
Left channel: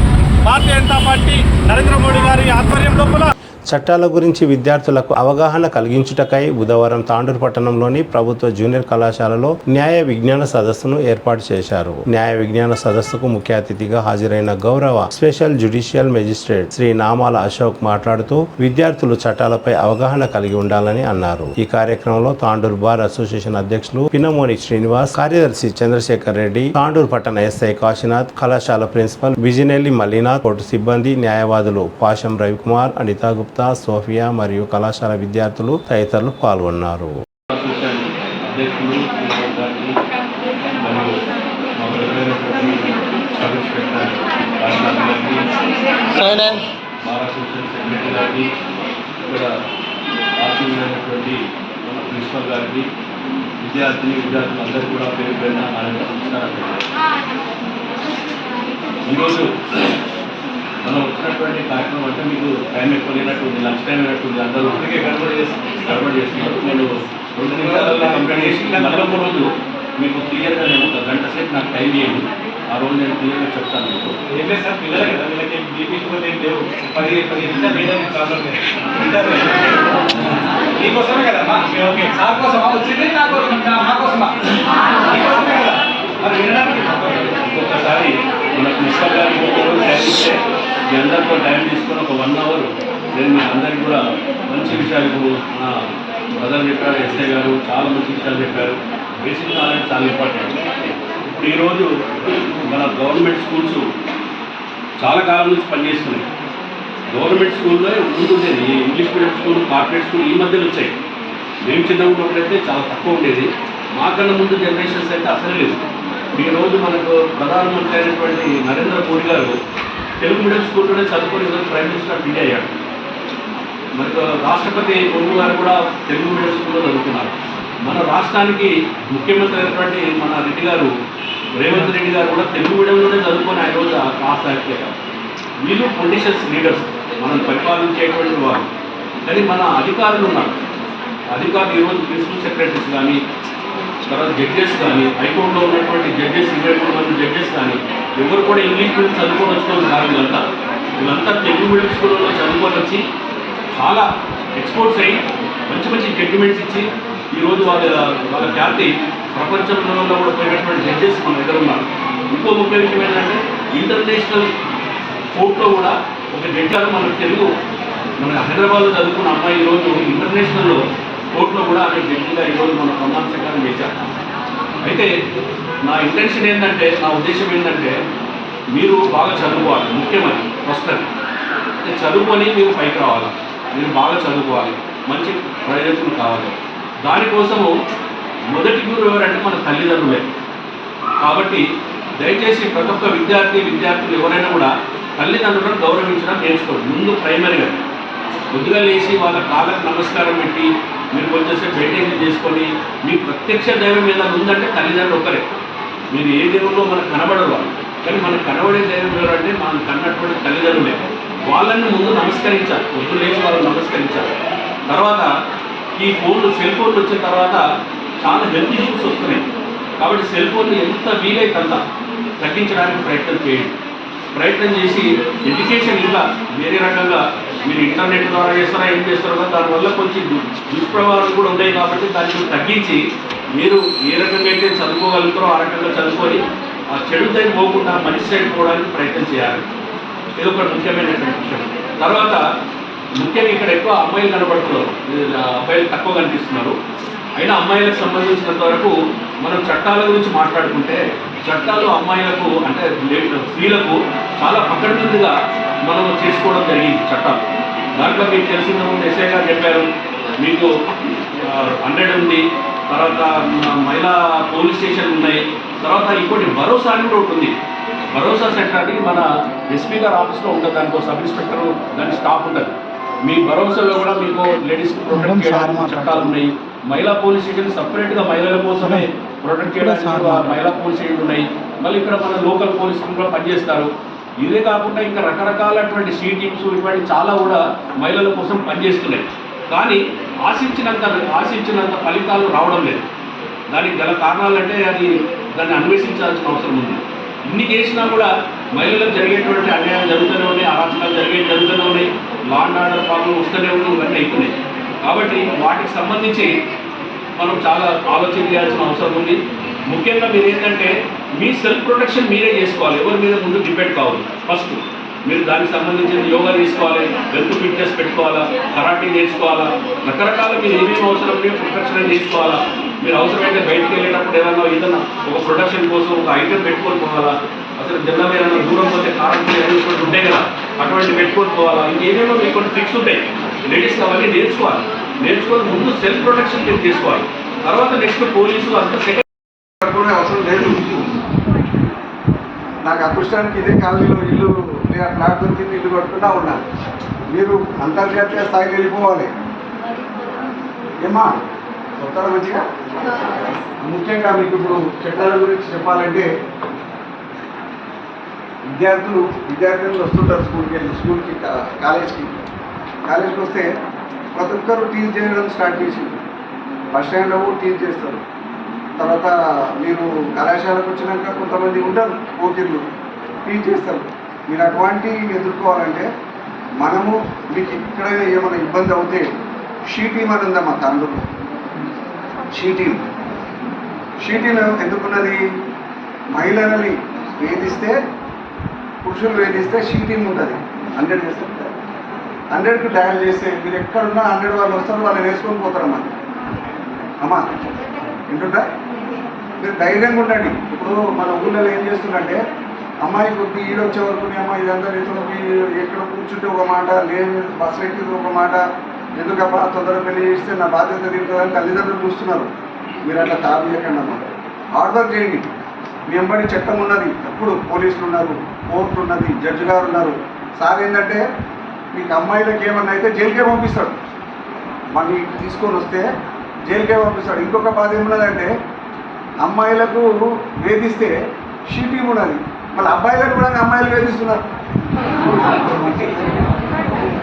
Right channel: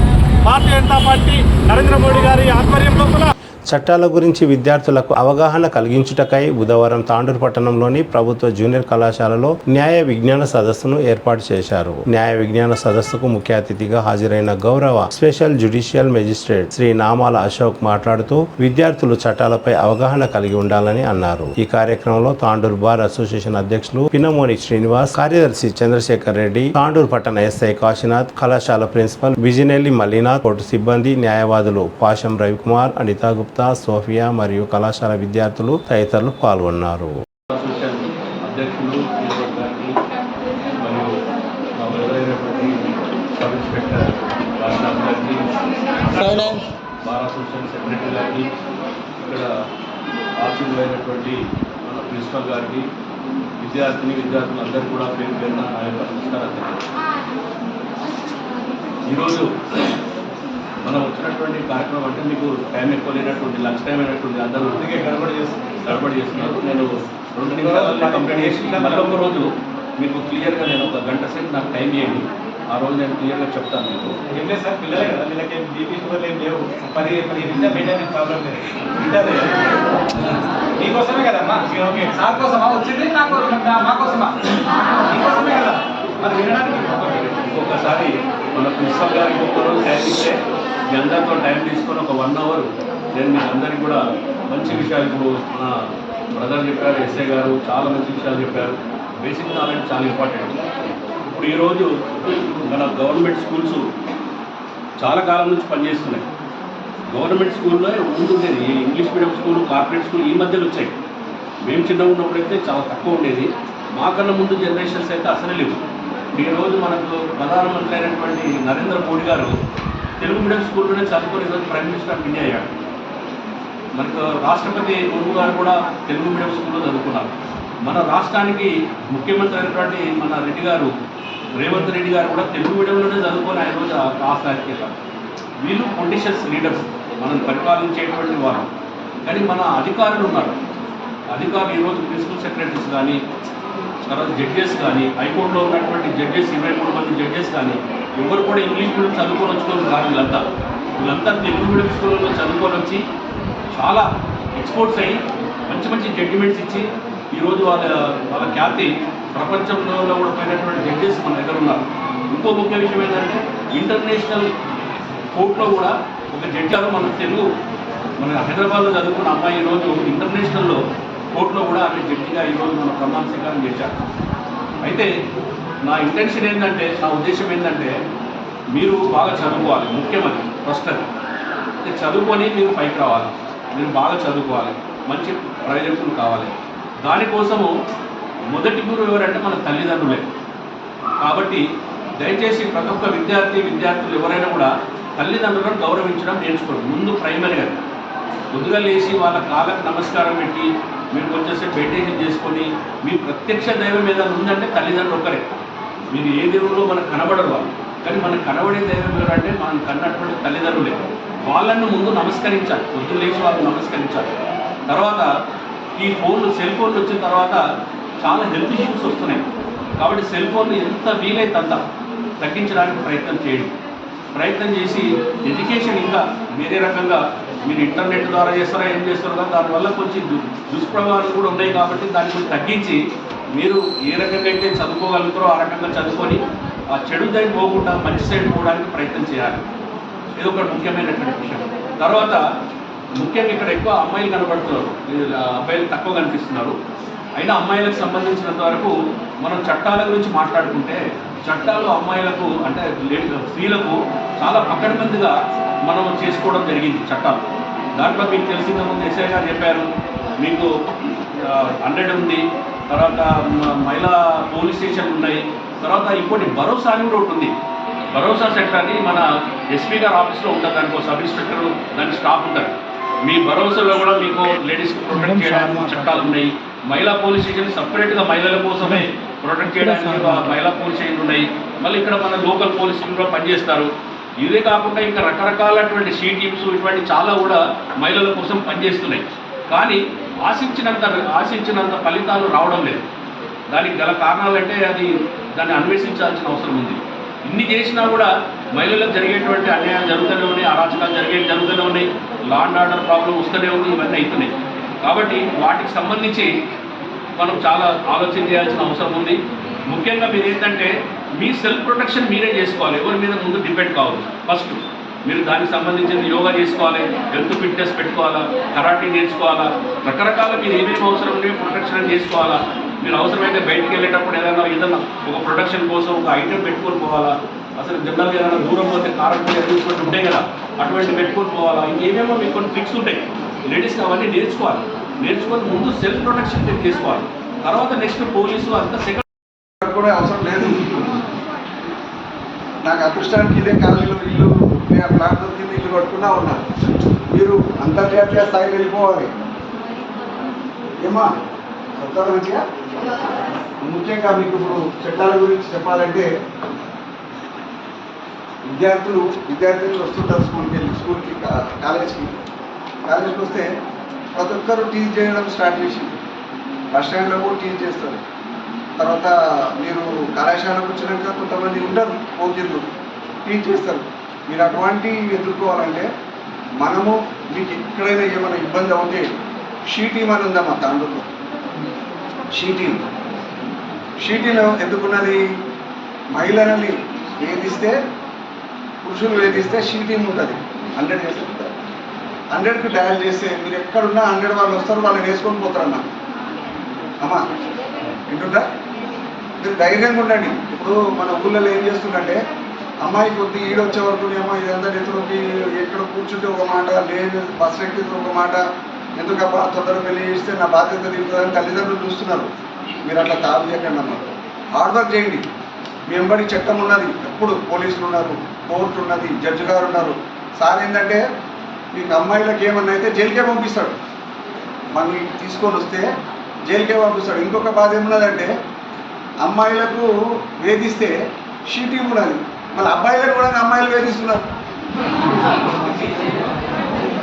భారతీయ జనతా పార్టీ నరేంద్ర మోడీ గారి ఆధ్వర్యం లోపల చట్టాల గురించి విద్యార్థులకు అవగాహన కలిగించుటకై బుధవారం తాండూరు పట్టణంలోని ప్రభుత్వ జూనియర్ కళాశాలలో న్యాయ విజ్ఞాన సదస్సును ఏర్పాటు చేశారు. న్యాయ విజ్ఞాన సదస్సుకు ముఖ్య అతిథిగా హాజరైన గౌరవ స్పెషల్ జ్యుడిషియల్ మెజిస్ట్రేట్ శ్రీ నామాల అశోక్ మాట్లాడుతూ విద్యార్థులు చట్టాలపై అవగాహన కలిగి ఉండాలని అన్నారు. ఈ కార్యక్రమంలో తాండూరు బార్ అసోసియేషన్ అధ్యక్షులు పినమోని శ్రీనివాస్, కార్యదర్శి చంద్రశేఖర్ రెడ్డి, తాండూరు పట్టణ ఎస్ఐ కాశీనాథ్, కళాశాల ప్రిన్సిపల్ విజినెల్లి మల్లినాథ్, కోర్టు సిబ్బంది, న్యాయవాదులు పాషం రవికుమార్, అనితా గుప్తా, సోఫియా మరియు కళాశాల విద్యార్థులు తదితరులు పాల్గొన్నారు. ప్రిన్సిపల్ గారికి, విద్యార్థులందరికీ కూడా పేరు పేరున నా యొక్క నమస్కారం. ఈరోజు మనం వచ్చినటువంటి కార్యక్రమం అంటే మీకు టైం ఎక్కువ లేనట్టుంది, లంచ్ టైం అయినట్టుంది, అందరూ ఊరికే గడబడి చేస్తున్నారు. నేను 2 నిమిషాలలో కంప్లీట్ చేసి మళ్ళీ ఒక రోజు మీకు క్లియర్గా నేను ఒక గంట సేపు నాకు టైం ఇవ్వండి, ఆ రోజు నేను క్లియర్గా చెప్తాను. మీకు ఏం లేదు సార్, పిల్లలే కదా, వీళ్ళకి బీపీ షుగర్ ఏం లేవు, 15 నిమిషాలు ప్రాబ్లం లేదు. మీకోసమే కదమ్మా, ఓకే సార్ కోసమా వచ్చింది, మా కోసమా, మీకోసమే కదా మరి వినడానికి. ఒక్కొక్కసారి మన ప్రిన్సిపల్ గారికి ఒక్కరోజు టైం ఇస్తే మీ అందరితో టైం తీసుకొని ఒక 1 అవర్ నేను మీకు అందరికీ కూడా మంచి విషయాలు, మన బ్రదర్ చెప్పారు, ఎస్ఐ గారు చాలా మంచి విషయాలు చెప్పారు. బేసిక్ నాలెడ్జ్ చాలా ఇంపార్టెంట్. ఇప్పుడు ఈరోజు మన గవర్నమెంట్ స్కూల్స్ చాలా కాలం నుంచి పనిచేస్తున్నాయి. గవర్నమెంట్ స్కూల్లో ఉంటుండేది English medium school, corporate school ఈ మధ్యలో వచ్చాయి. మేము చిన్నగా ఉన్నప్పుడైతే చాలా తక్కువ ఉండేది. మాకన్నా ముందు జనరేషన్స్ అయితే అసలే లేదు. ఈరోజు మనకు ప్రధానమంత్రి అయినటువంటి నరేంద్ర మోడీ గారు తెలుగు మీడియం స్కూల్లోనే చదువుకుని ఈరోజు ప్రైమ్ మినిస్టర్ ఆఫ్ ఇండియా అయ్యాడు. మనకు రాష్ట్రపతి ముర్ము గారు కూడా తెలుగు మీడియం స్కూల్లో చదువుకున్నారు. మన రాష్ట్రానికి ముఖ్యమంత్రి అయినటువంటి మన రెడ్డి గారు, రేవంత్ రెడ్డి గారు కూడా తెలుగు మీడియంలోనే చదువుకొని ఆయన రోజు కాస్త. వీళ్ళు పొలిటీషియన్స్, లీడర్స్, మనం పరిపాలించేటువంటి వారు. కానీ మన అధికారులు ఉన్నారు. అధికారులు ఈరోజు ప్రిన్సిపల్ సెక్రటరీస్ కానీ, తర్వాత జడ్జెస్ కానీ, హైకోర్టులో ఉన్నటువంటి జడ్జెస్ 23 మంది జడ్జెస్ కానీ ఎవరు కూడా ఇంగ్లీష్ మీడియం చదువుకొని వచ్చిన కాదు. వీళ్ళంతా తెలుగు మీడియం స్కూల్లో చదువుకొని వచ్చి చాలా ఎక్స్పోర్ట్స్ అయ్యి మంచి మంచి జడ్జిమెంట్స్ ఇచ్చి ఈరోజు వాళ్ళ ఖ్యాతి ప్రపంచంలో కూడా పోయినటువంటి జడ్జెస్ మన దగ్గర ఉన్నారు. ఇంకో ముఖ్య విషయం ఏంటంటే ఇంటర్నేషనల్ కోర్టులో కూడా ఒక జడ్జి మన హైదరాబాద్లో చదువుకున్న అమ్మాయి ఈరోజు ఇంటర్నేషనల్లో కోర్టులో కూడా ఆమె జడ్జిగా ఈరోజు మన ప్రమాణ స్వీకారం చేశారు. అయితే నా ఇంటెన్షన్ ఏంటంటే, నా ఉద్దేశం ఏంటంటే మీరు బాగా చదువుకోవాలి. ముఖ్యమని ఫస్ట్ అది చదువుకొని మీరు పైకి రావాలి. మీరు బాగా చదువుకోవాలి, మంచి ప్రయోజకులు కావాలి. దానికోసము మొదటి గురువు ఎవరంటే మన తల్లిదండ్రులే. కాబట్టి దయచేసి ప్రతి ఒక్క విద్యార్థులు ఎవరైనా కూడా తల్లిదండ్రులను గౌరవించడం నేర్చుకోండి. ముందు ప్రైమరీగా పొద్దుగా లేచి వాళ్ళ కాళ్ళకు నమస్కారం పెట్టి మీరు వచ్చేసి బయటేజ్ చేసుకొని మీ ప్రత్యక్ష దైవం ఏదైనా ఉందంటే తల్లిదండ్రులు ఒక్కరే. మీరు ఏ దేవుల్లో మనకు కనబడరు వాళ్ళు, కానీ మనకు కనబడే దైవం ఎవరంటే మనం కన్నటువంటి తల్లిదండ్రులే. వాళ్ళని ముందు నమస్కరించాలి, పొద్దు లేచి వాళ్ళని నమస్కరించాలి. తర్వాత ఈ సెల్ ఫోన్లు వచ్చిన తర్వాత చాలా హెల్త్ ఇష్యూస్ వస్తున్నాయి. కాబట్టి సెల్ ఫోన్లు ఎంత వీలైతే అంత తగ్గించడానికి ప్రయత్నం చేసి ఎడ్యుకేషన్ ఇంకా వేరే రకంగా మీరు ఇంటర్నెట్ ద్వారా చేస్తారా, ఏం చేస్తారో కదా, దానివల్ల కొంచెం దుష్ప్రభావాలు కూడా ఉన్నాయి. కాబట్టి దాన్ని తగ్గించి మీరు ఏ రకంగా అయితే చదువుకోగలుగుతారో ఆ రకంగా చదువుకొని ఆ చెడు దారి పోకుండా మంచి సైడ్ పోవడానికి ప్రయత్నం చేయాలి. ఇది ఒక ముఖ్యమైనటువంటి విషయం. తర్వాత ముఖ్యంగా ఇక్కడ ఎక్కువ అమ్మాయిలు కనబడుతున్నారు, అబ్బాయిలు తక్కువ కనిపిస్తున్నారు. అయినా అమ్మాయిలకు సంబంధించినంత వరకు మనం చట్టాల గురించి మాట్లాడుకుంటే చట్టాలు అమ్మాయిలకు అంటే స్త్రీలకు చాలా పకడ్బందీగా మనం చేసుకోవడం జరిగింది చట్టాలు. దాంట్లో మీకు తెలిసిన ముందు ఎస్ఐ గారు చెప్పారు, మీకు 100 ఉంది, తర్వాత మహిళా పోలీస్ స్టేషన్ ఉన్నాయి, తర్వాత ఇంకోటి భరోసా అని కూడా ఉంటుంది. భరోసా సెక్టర్ అని మన ఎస్పీ గారు ఆఫీస్లో ఉంటుంది. దానికో సబ్ ఇన్స్పెక్టర్ దాని స్టాఫ్ ఉంటుంది. మీ భరోసాలో కూడా మీకు లేడీస్కి ప్రొటెక్ట్ చేయడానికి చట్టాలు ఉన్నాయి. మహిళా పోలీస్ స్టేషన్ సపరేట్గా మహిళల కోసమే ప్రొటెక్ట్ చేయడానికి మహిళా పోలీస్ స్టేషన్లు ఉన్నాయి. మళ్ళీ ఇక్కడ మన లోకల్ పోలీసులు కూడా పనిచేస్తారు. ఇదే కాకుండా ఇంకా రకరకాలటువంటి షీ టీమ్స్ ఇటువంటి చాలా కూడా మహిళల కోసం పనిచేస్తున్నాయి. కానీ ఆశించినంత ఫలితాలు రావడం లేదు. దానికి గల కారణాలంటే దాన్ని అన్వేషించాల్సిన అవసరం ఉంది. ఇన్ని చేసినా కూడా మహిళలకు జరిగేటువంటి అన్యాయం జరుగుతూనే ఉన్నాయి, అరాచకాలు జరుగుతూనే ఉన్నాయి, లా అండ్ ఆర్డర్ ప్రాబ్లం వస్తూనే ఉన్నాయి, ఇవన్నీ అవుతున్నాయి. కాబట్టి వాటికి సంబంధించి మనం చాలా ఆలోచన చేయాల్సిన అవసరం ఉంది. ముఖ్యంగా మీరు ఏంటంటే మీ సెల్ఫ్ ప్రొటెక్షన్ మీరే చేసుకోవాలి, ఎవరి మీద ముందు డిపెండ్ కావాలి. ఫస్ట్ మీరు దానికి సంబంధించిన యోగా చేసుకోవాలి, హెల్త్ ఫిట్నెస్ పెట్టుకోవాలా, కరాటీ నేర్చుకోవాలా, రకరకాల మీరు ఏమేమి అవసరం ఉంటే ప్రొటెక్షన్ చేసుకోవాలా. మీరు అవసరమైతే బయటికి వెళ్ళేటప్పుడు ఏదైనా ఒక ప్రొటెక్షన్ కోసం ఒక ఐటెం పెట్టుకొని పోవాలా. అసలు జనరల్గా ఏదైనా దూరం పోతే కారం కొన్ని ఉంటాయి కదా, అటువంటి పెట్టుకొని పోవాలా. ఇంకేమేమో మీకు కొన్ని ట్రిక్స్ ఉంటాయి, లేడీస్కి అవన్నీ నేర్చుకొని ముందు సెల్ఫ్ ప్రొటెక్షన్ మీరు చేసుకోవాలి. తర్వాత నెక్స్ట్ పోలీసు అంతా సెకండ్ కూడా అవసరం లేదు. నాకు అదృష్టానికి ఇదే కాలంలో ఇల్లు ప్లాట్ దొరికింది, ఇల్లు కట్టుకున్నా ఉన్నా. మీరు అంతర్జాతీయ స్థాయికి వెళ్ళిపోవాలి ఏమా చెప్తారా మంచిగా. ముఖ్యంగా మీకు ఇప్పుడు చట్టాల గురించి చెప్పాలంటే విద్యార్థులు వస్తుంటారు స్కూల్కి కాలేజీకి వస్తే ప్రతి ఒక్కరు టీచ్ చేయడం స్టార్ట్ చేసి బస్ స్టాండ్లో కూడా టీచ్ చేస్తారు. తర్వాత మీరు కళాశాలకు వచ్చినాక కొంతమంది ఉంటారు పోటీలు టీచ్ చేస్తారు. మీరు అటువంటి ఎదుర్కోవాలంటే మనము మీకు ఎక్కడైనా ఏమైనా ఇబ్బంది అవుతే షీ టీమ్ అని ఉందమ్మా తాండూరులో. షీ టీమ్ ఎందుకున్నది, మహిళలని వేధిస్తే పురుషులు వేధిస్తే షీ టీమ్ ఉంటుంది. 100 చేస్తారు, 100కి డయల్ చేస్తే మీరు ఎక్కడున్నా 100 వాళ్ళు వస్తారు, వాళ్ళు వేసుకొని పోతారమ్మా. అమ్మా వింటుందా? మీరు ధైర్యంగా ఉండండి. ఇప్పుడు మన ఊళ్ళలో ఏం చేస్తుందంటే అమ్మాయి కొద్ది ఈడొచ్చే వరకు అమ్మాయి ఇదంతా నెత్తులకి ఎక్కడ కూర్చుంటే ఒక మాట, లేదు బస్సు ఎక్కితే ఒక మాట, ఎందుకబ్బా తొందరగా పెళ్లి చేస్తే నా బాధ్యత తింటుందని తల్లిదండ్రులు చూస్తున్నారు. మీరు అట్లా తాపేయకండి అమ్మా, హార్డ్ వర్క్ చేయండి. మీ వెంబడి చట్టం ఉన్నది, ఎప్పుడు పోలీసులు ఉన్నారు, కోర్టు ఉన్నది, జడ్జి గారు ఉన్నారు. సార్ ఏంటంటే మీకు అమ్మాయిలకు ఏమన్నా అయితే జైలుకే పంపిస్తాడు, మళ్ళీ తీసుకొని వస్తే జైలుకే పంపిస్తాడు. ఇంకొక బాధ ఏమున్నదంటే అమ్మాయిలకు వేధిస్తే షీ టీమ్ ఉన్నది, మళ్ళీ అబ్బాయిలకు కూడా అమ్మాయిలు వేధిస్తున్నారు.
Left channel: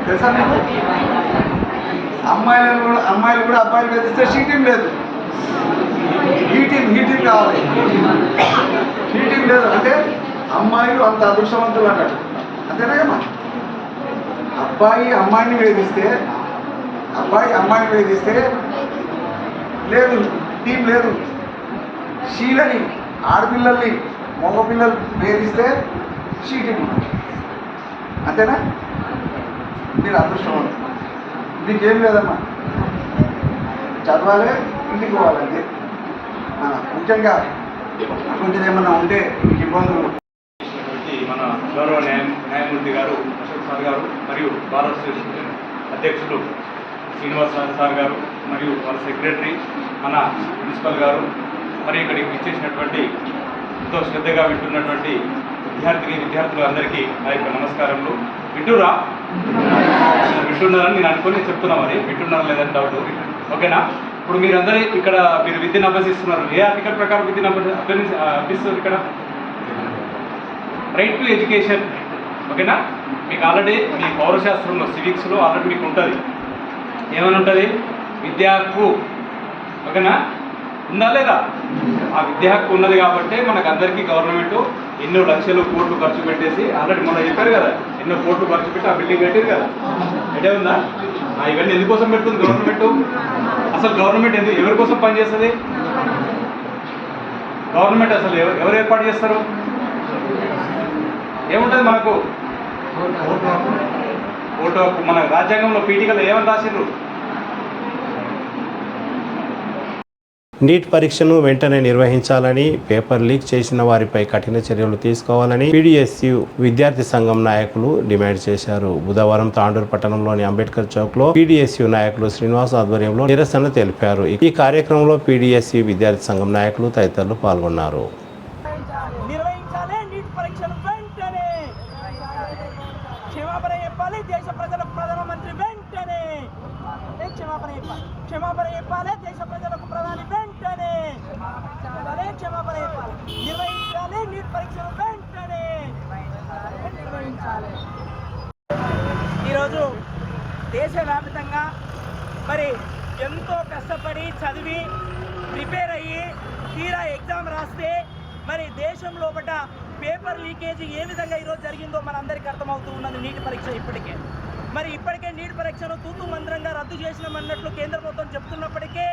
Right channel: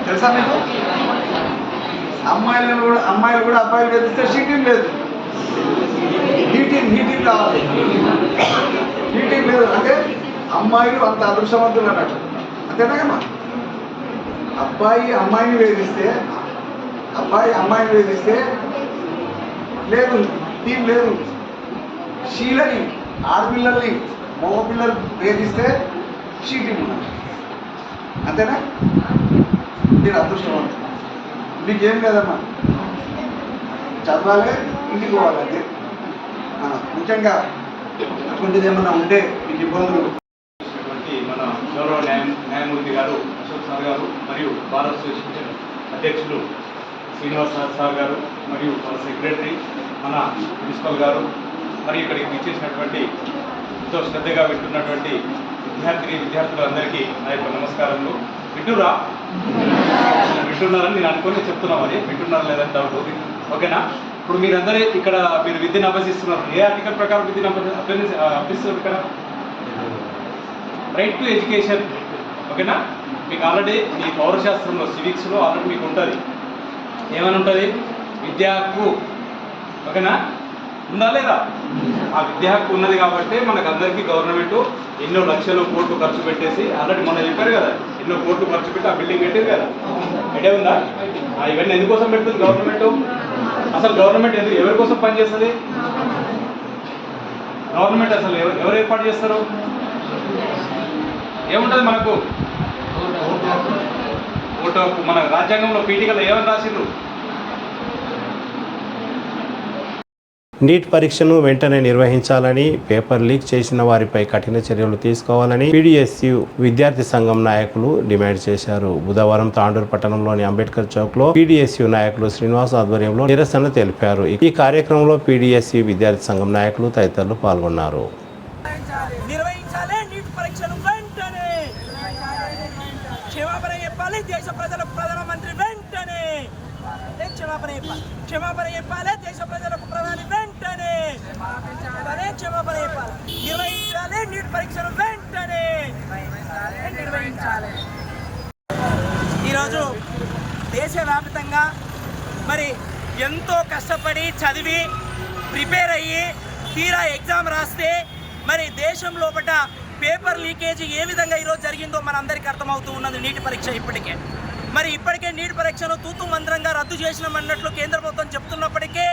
తెలుసా మీకు? అమ్మాయిలు కూడా అబ్బాయిలు వేధిస్తే షీ టీమ్ లేదు, హీ టీమ్ కావాలి. హీ టీమ్ లేదు అంటే అమ్మాయిలు అంత అదృష్టవంతులు అన్నట్టు, అంతేనాగమ్మా. అబ్బాయి అమ్మాయిని వేధిస్తే లేదు, టీం లేదు. షీలని ఆడపిల్లల్ని మగపిల్లలు వేధిస్తే షీ టీం ఉన్నారు, అంతేనా? మీరు అదృష్టవంతులు. మీకేం లేదమ్మా, చదవాలి, ఇంటికి పోవాలి అంతే. ముఖ్యంగా అటువంటిది ఏమన్నా ఉంటే మీకు ఇబ్బందులు మన గౌరవ న్యాయమూర్తి గారు అశోక్ సార్ గారు మరియు బార్ అసోసియేషన్ అధ్యక్షులు శ్రీనివాసరావు సార్ గారు మరియు వాళ్ళ సెక్రటరీ మన ప్రిన్సిపల్ గారు మరి ఇక్కడికి ఇచ్చేసినటువంటి ఎంతో శ్రద్ధగా వింటున్నటువంటి విద్యార్థులందరికీ నా యొక్క నమస్కారములు. వింటున్నారని నేను అనుకుని చెప్తున్నా, మరి వింటున్నారా లేదని డౌట్. ఓకేనా? ఇప్పుడు మీరందరూ ఇక్కడ మీరు విద్యను అభ్యసిస్తున్నారు. ఏ ఆర్టికల్ ప్రకారం విద్యను అభ్యసిస్తారు ఇక్కడ? Right to education. ఓకేనా? మీకు ఆల్రెడీ మీ పౌరశాస్త్రంలో సివిక్స్లో ఆల్రెడీ మీకు ఉంటుంది, ఏమైనా ఉంటుంది, విద్యా హక్కు. ఓకేనా? ఉందా లేదా? ఆ విద్యా హక్కు ఉన్నది కాబట్టి మనకు అందరికీ గవర్నమెంట్ ఎన్నో లక్షలు కోట్లు ఖర్చు పెట్టేసి ఆల్రెడీ మనం చెప్పారు కదా, ఎన్నో కోట్లు ఖర్చు పెట్టి ఆ బిల్డింగ్ పెట్టేది కదా. ఐడియా ఉందా? ఇవన్నీ ఎందుకోసం పెడుతుంది గవర్నమెంట్? అసలు గవర్నమెంట్ ఎవరి కోసం పనిచేస్తుంది? గవర్నమెంట్ అసలు ఎవరు ఏర్పాటు చేస్తారు? ఏముంటుంది మనకు? ఓటు హక్కు. మన రాజ్యాంగంలో పీఠికలో ఏమని రాసిర్రు? నీట్ పరీక్షను వెంటనే నిర్వహించాలని, పేపర్ లీక్ చేసిన వారిపై కఠిన చర్యలు తీసుకోవాలని పీడీఎస్యు విద్యార్థి సంఘం నాయకులు డిమాండ్ చేశారు. బుధవారం తాండూరు పట్టణంలోని అంబేద్కర్ చౌక్ లో పీడీఎస్యు నాయకులు శ్రీనివాస్ ఆధ్వర్యంలో నిరసన తెలిపారు. ఈ కార్యక్రమంలో పీడీఎస్యు విద్యార్థి సంఘం నాయకులు తదితరులు పాల్గొన్నారు. క్షమాపణ చెప్పాలి దేశ ప్రజలకు, ప్రధాని వెంటనే క్షమాపణ చెప్పాలి. నిర్వహించాలి నీట్ పరీక్షను వెంటనే నిర్వహించాలి. ఈరోజు దేశవ్యాప్తంగా మరి ఎంతో కష్టపడి చదివి ప్రిపేర్ అయ్యి తీరా ఎగ్జామ్ రాస్తే మరి దేశం లోపల పేపర్ లీకేజీ ఏ విధంగా ఈరోజు జరిగిందో మనందరికీ అర్థమవుతూ ఉన్నది నీట్ పరీక్ష ఇప్పటికే. మరి ఇప్పటికే నీట్ పరీక్షను తూతు మంత్రంగా రద్దు చేసినామన్నట్లు కేంద్ర ప్రభుత్వం చెప్తున్నప్పటికీ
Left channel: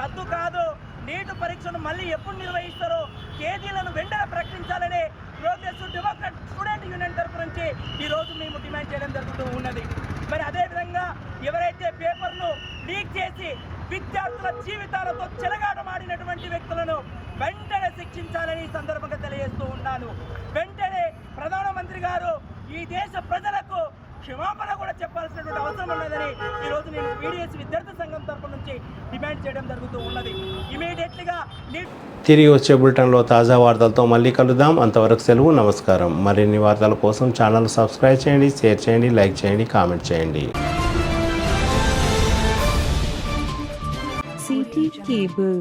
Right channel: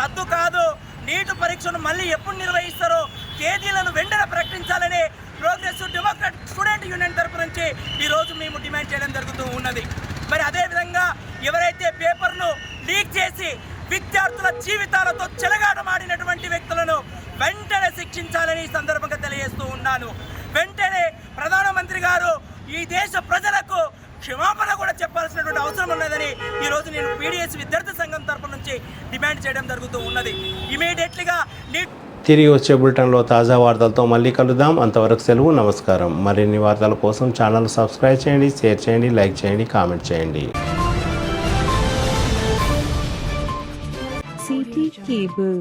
రద్దు కాదు, నీట్ పరీక్షను మళ్ళీ ఎప్పుడు నిర్వహిస్తారో తేదీలను వెంటనే ప్రకటించాలని ప్రోగ్రెసివ్ డెమోక్రాట్ స్టూడెంట్ యూనియన్ తరపు నుంచి ఈరోజు మేము డిమాండ్ చేయడం జరుగుతూ ఉన్నది. మరి అదేవిధంగా ఎవరైతే పేపర్ను లీక్ చేసి విద్యార్థుల జీవితాలతో చెలగాటమాడినటువంటి వ్యక్తులను వెంటనే శిక్షించాలని ఈ సందర్భంగా తెలియజేస్తూ ఉన్నాను. వెంటనే ప్రధానమంత్రి గారు ఈ దేశ ప్రజలకు క్షమాపణ కూడా చెప్పాల్సినటువంటి అవసరం ఉన్నదని ఈరోజు నేను పీడిఎస్ విద్యార్థి సంఘం తరపు నుంచి డిమాండ్ చేయడం జరుగుతూ ఉన్నది. ఇమీడియట్లీగా తిరిగి వచ్చే బులెటిన్లో తాజా వార్తలతో మళ్ళీ కలుద్దాం. అంతవరకు సెలవు, నమస్కారం. మరిన్ని వార్తల కోసం ఛానల్ సబ్స్క్రైబ్ చేయండి, షేర్ చేయండి, లైక్ చేయండి, కామెంట్ చేయండి. CT Cable.